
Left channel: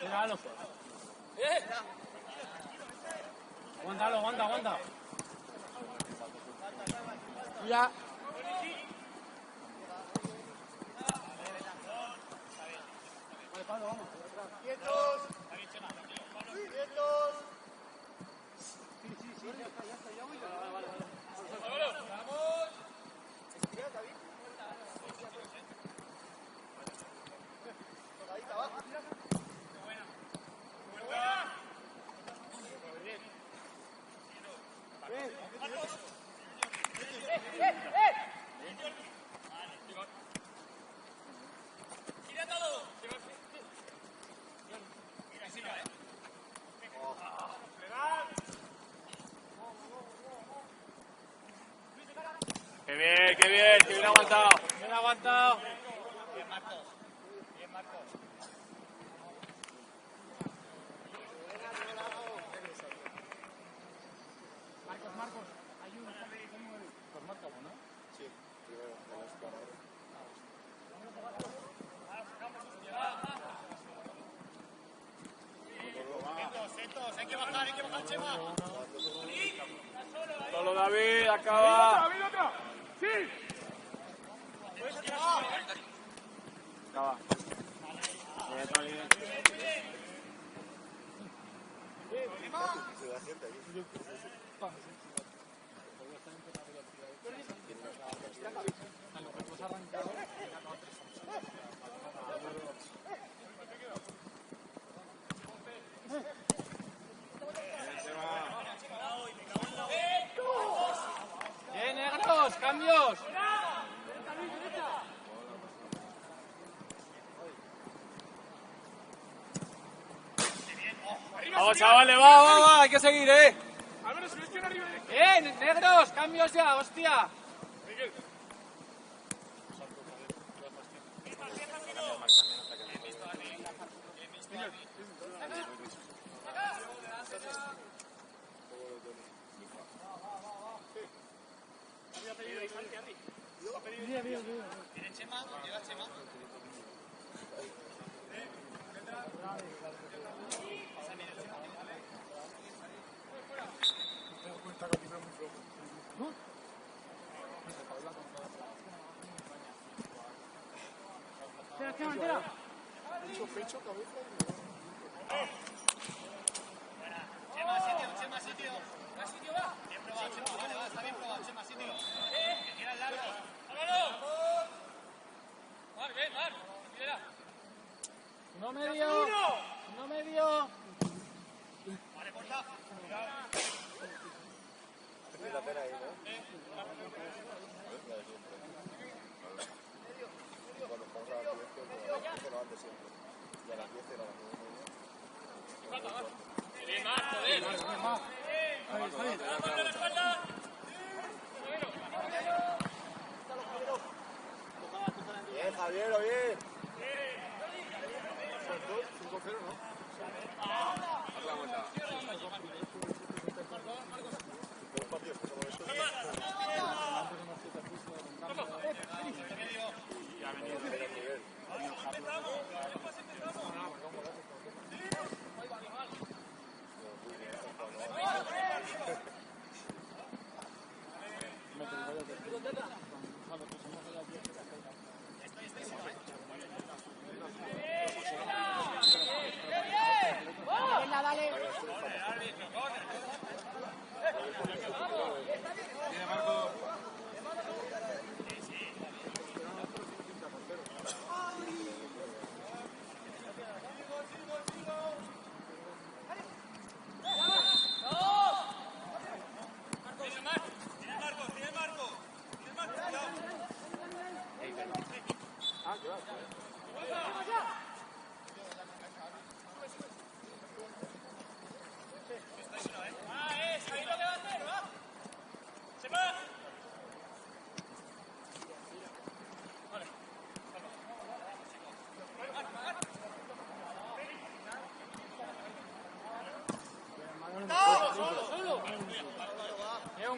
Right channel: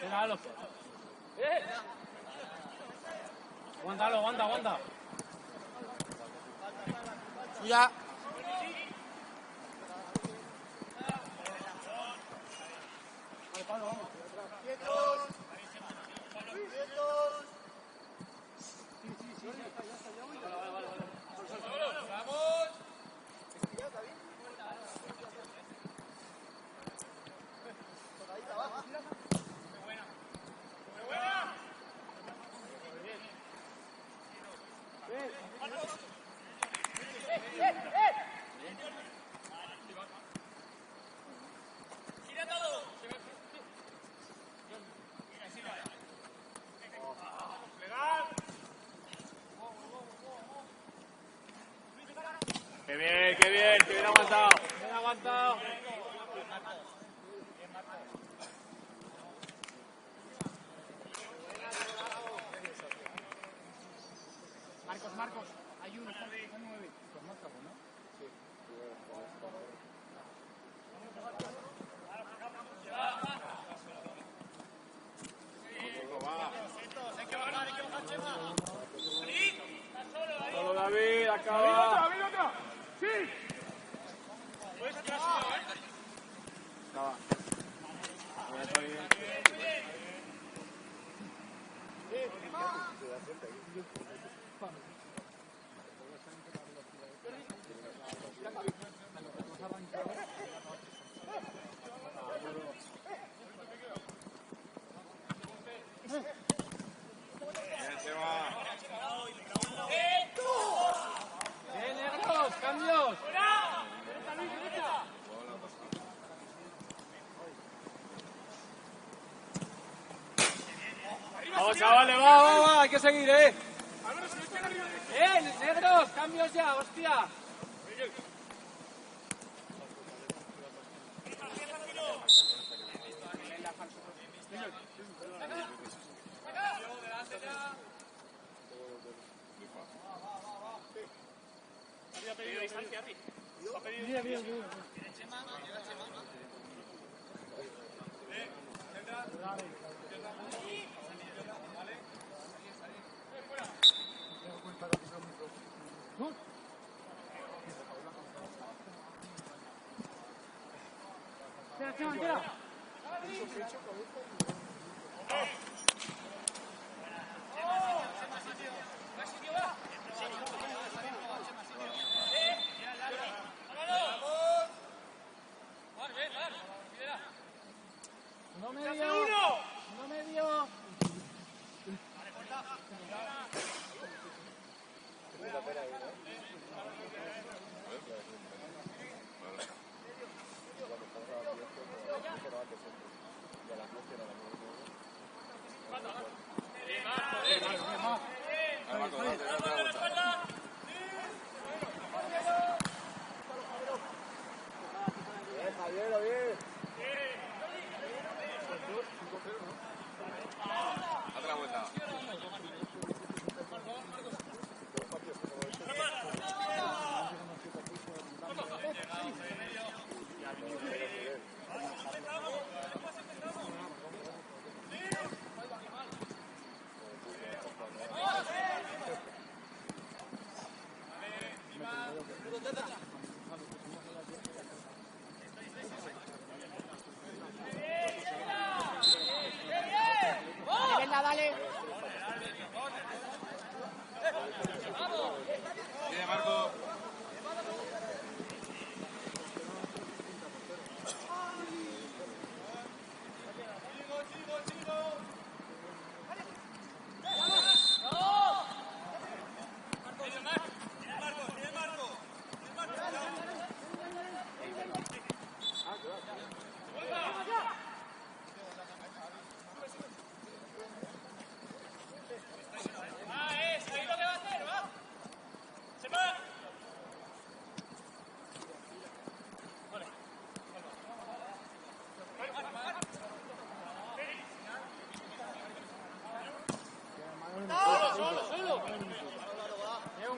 Pégalo. Aguántalo, aguanta, aguanta. Ya. Vale, Pablo, vamos. ¡Quietos! ¡Quietos! Sí, ya está, ya voy. Vale. Estirad, David. Tocadita abajo, tira. Qué bien aguantado. Bien aguantado. Marcos, hay uno. Por Marcos, ¿no? Sí. Solo David, acaba. ¡David, otra! ¡Sí! Puedes atrás, acaba. Voy a Tony. ¡Bien, negros! ¡Cambios! Vamos, chavales, va, hay que seguir, ¡Bien, negros! ¡Cambios ya, hostia! Entera. No medio.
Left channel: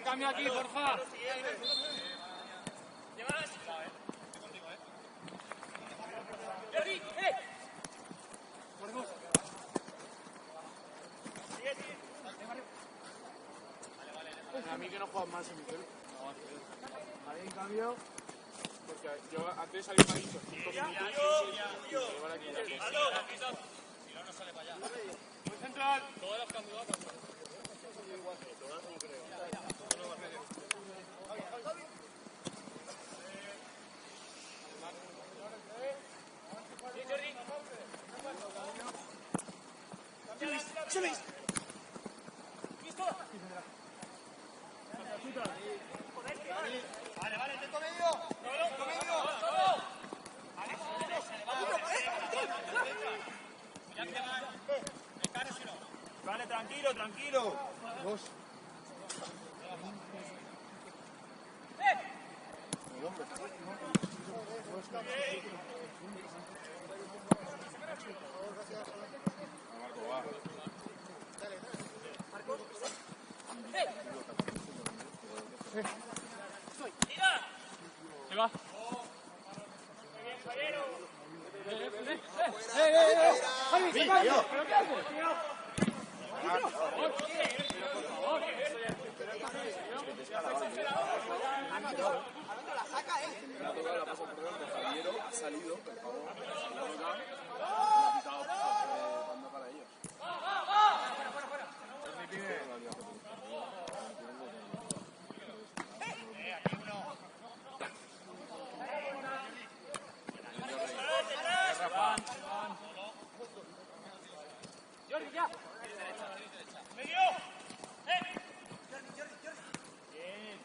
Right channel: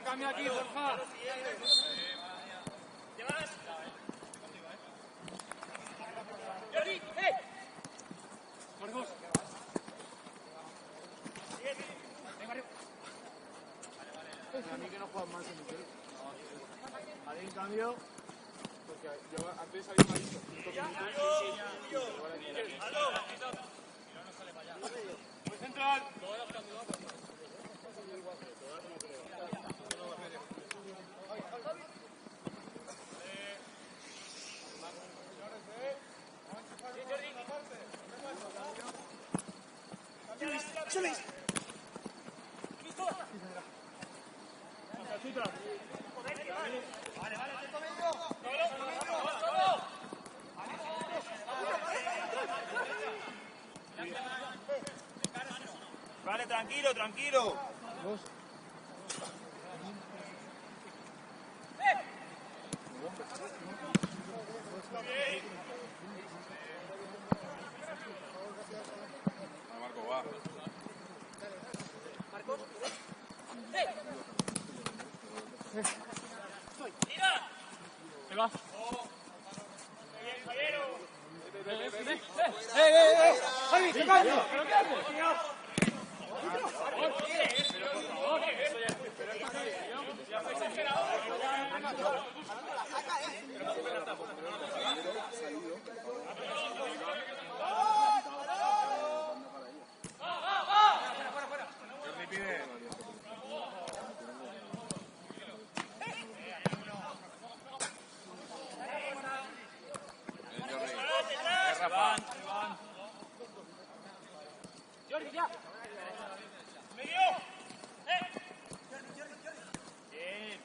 Un cambio aquí, porfa. ¿Llevas? Jordi, por dos. A mí que no juego más en el club. Ahí en cambio, porque yo antes había caído 5 minutos. Muy central. Vale, tranquilo, tranquilo. Marco, va. Se va. Jordi, ya. Medio. Bien.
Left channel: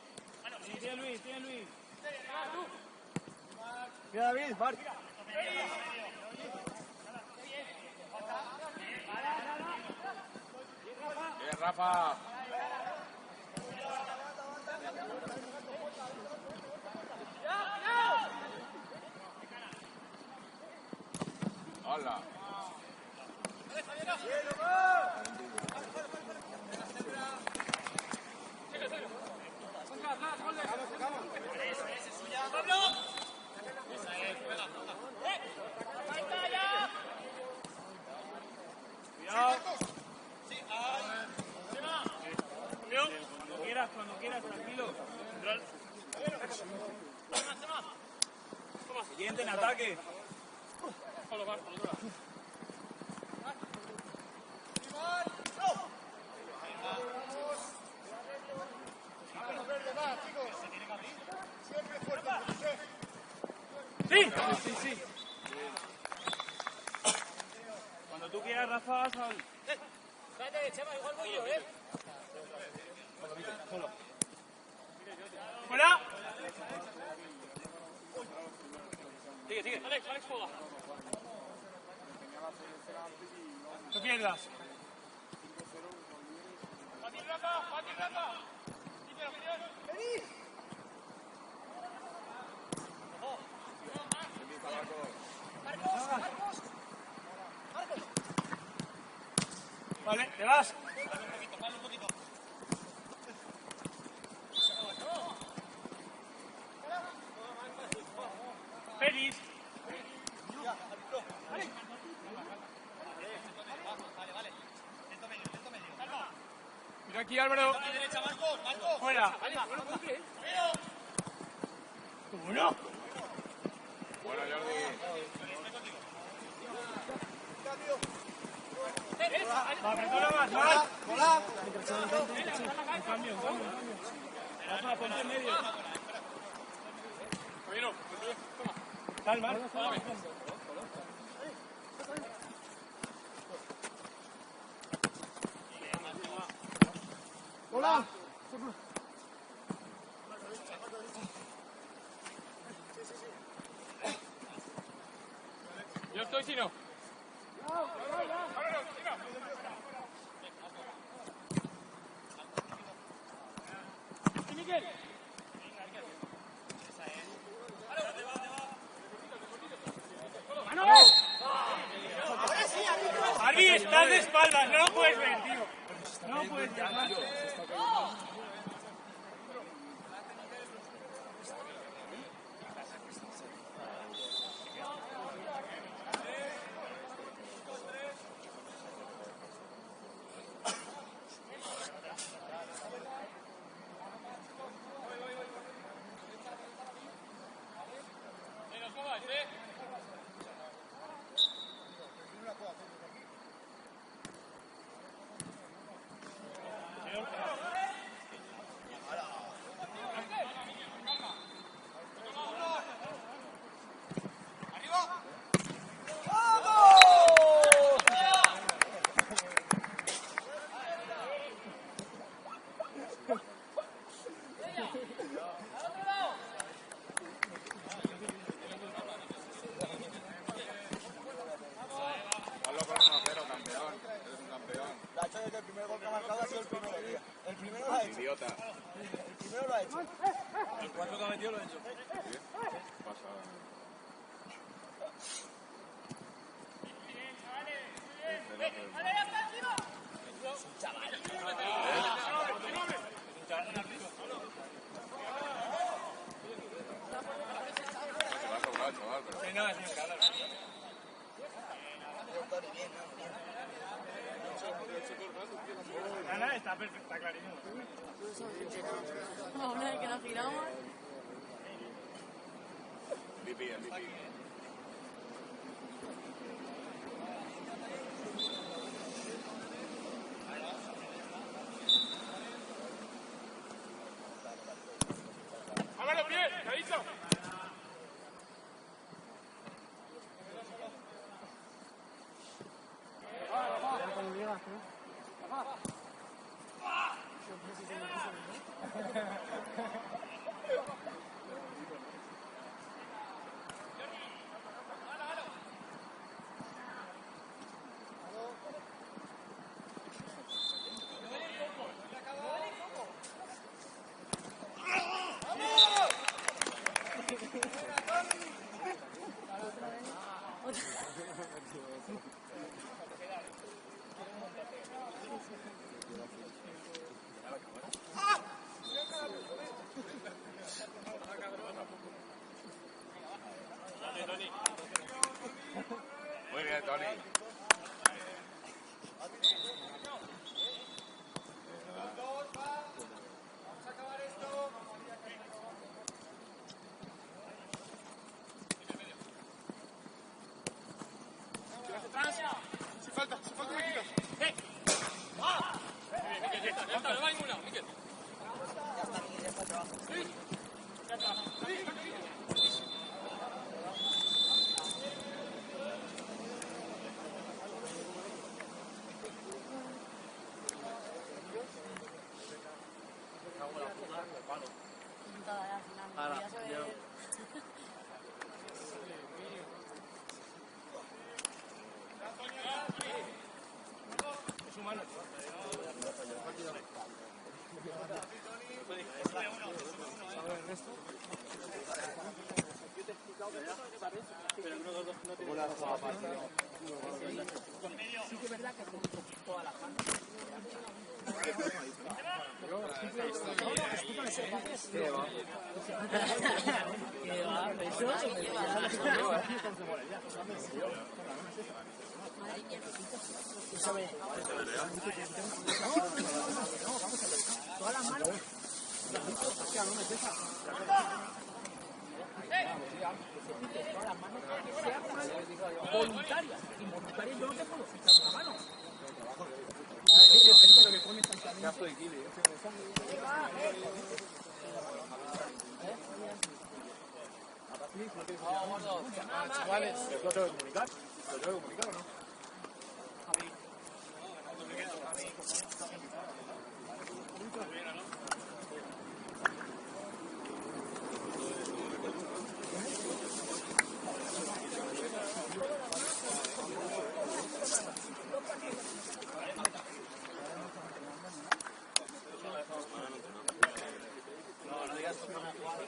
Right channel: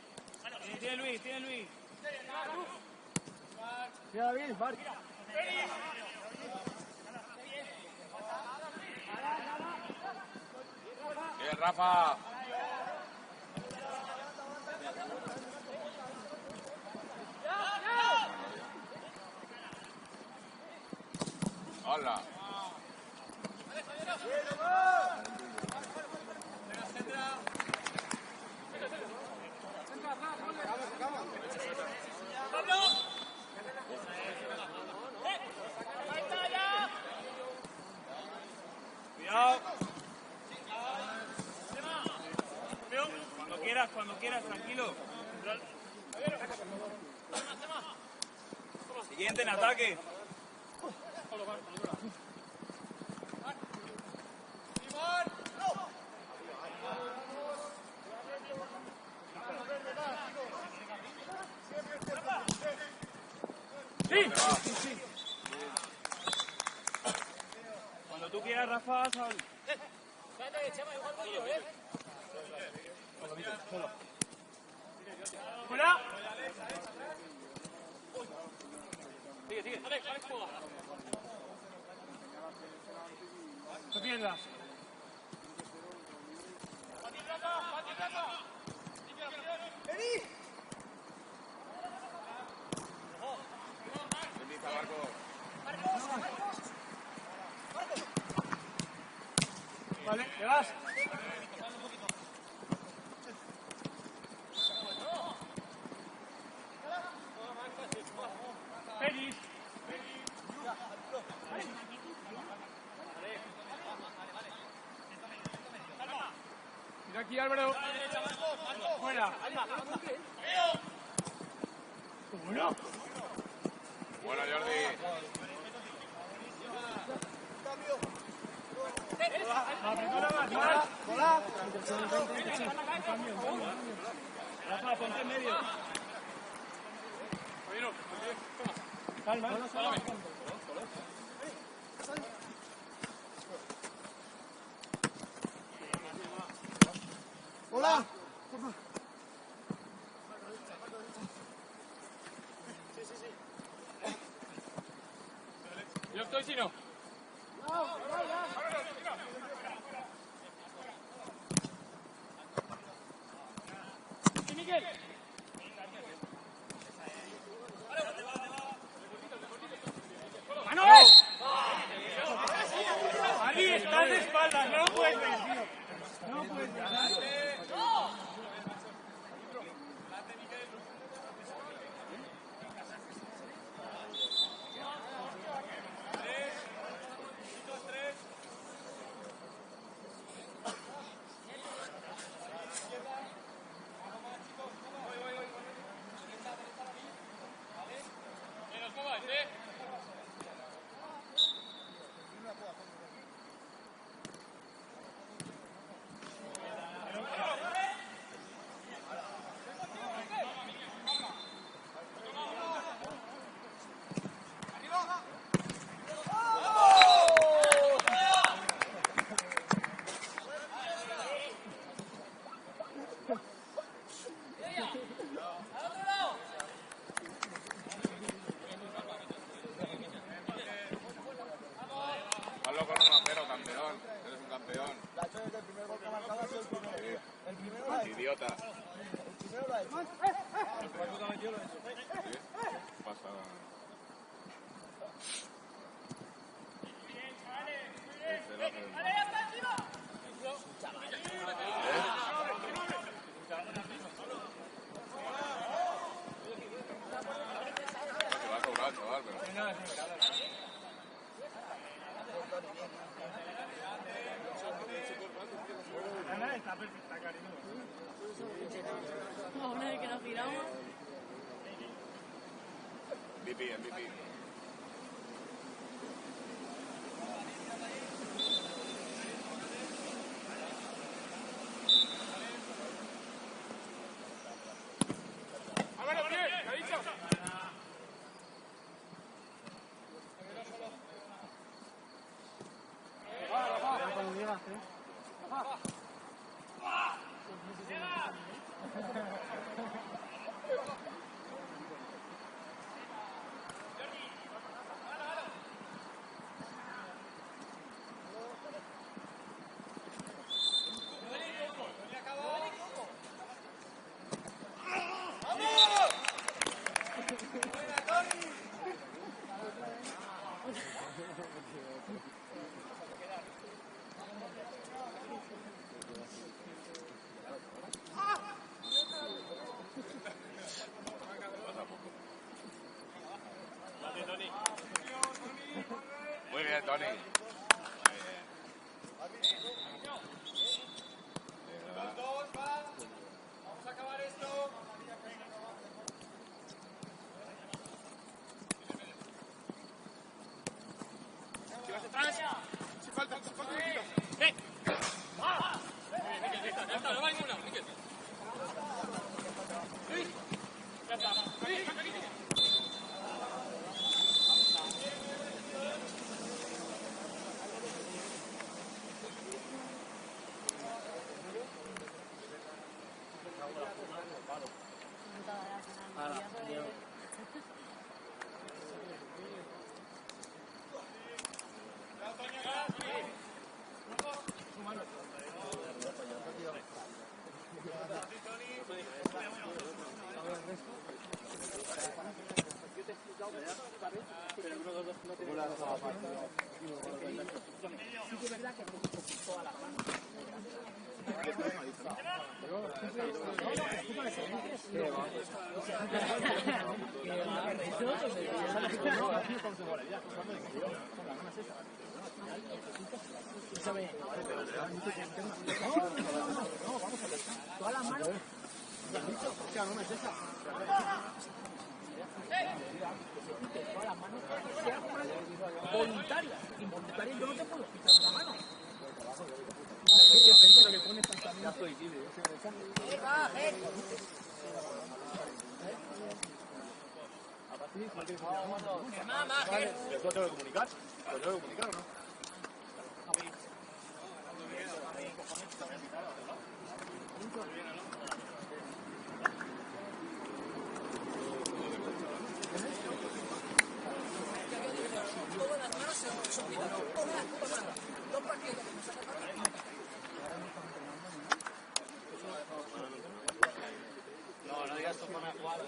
Tiene Luis, tiene Luis. Queda bien, Bart. Bien, Rafa. Hola. Pablo. ¡Falta ya! Cuidado. Cuando quieras, tranquilo. Siguiente en ataque. Sí. Cuando tú quieras, Rafa, sal. ¡Fuera! Sigue. Alex, juega. No pierdas. Vale, te vas. Feliz. Mira aquí, Álvaro. Fuera. ¿Cómo no? Bueno, Jordi. Rafa, ponte en medio. Calma, párame. Hola. Yo estoy, si no. ¡Manuel! Arbi, estás de espaldas, no lo puedes ver, tío. No lo puedes ver. idiota. El cuarto que ha metido lo ha hecho. Pasa. Bien, chavales, muy bien. Vale, ya está encima. Que va a sobrar, chaval, pero... Nada, está perfecto, está clarísimo. Vamos, que nos giramos. MVP. Vámonos, bien, lo he dicho. Muy bien, Tony. Ya está, no va a ningún lado, Miquel. Voluntarias, involuntarias yo no te puedo quitar una mano. Lo que pone exactamente. A partir de ahí, si no quieres copiar la mano, no vale. Pero tú lo tengo que comunicar. ¿Lo tengo que comunicar o no? No, no digas cómo me ha jugado.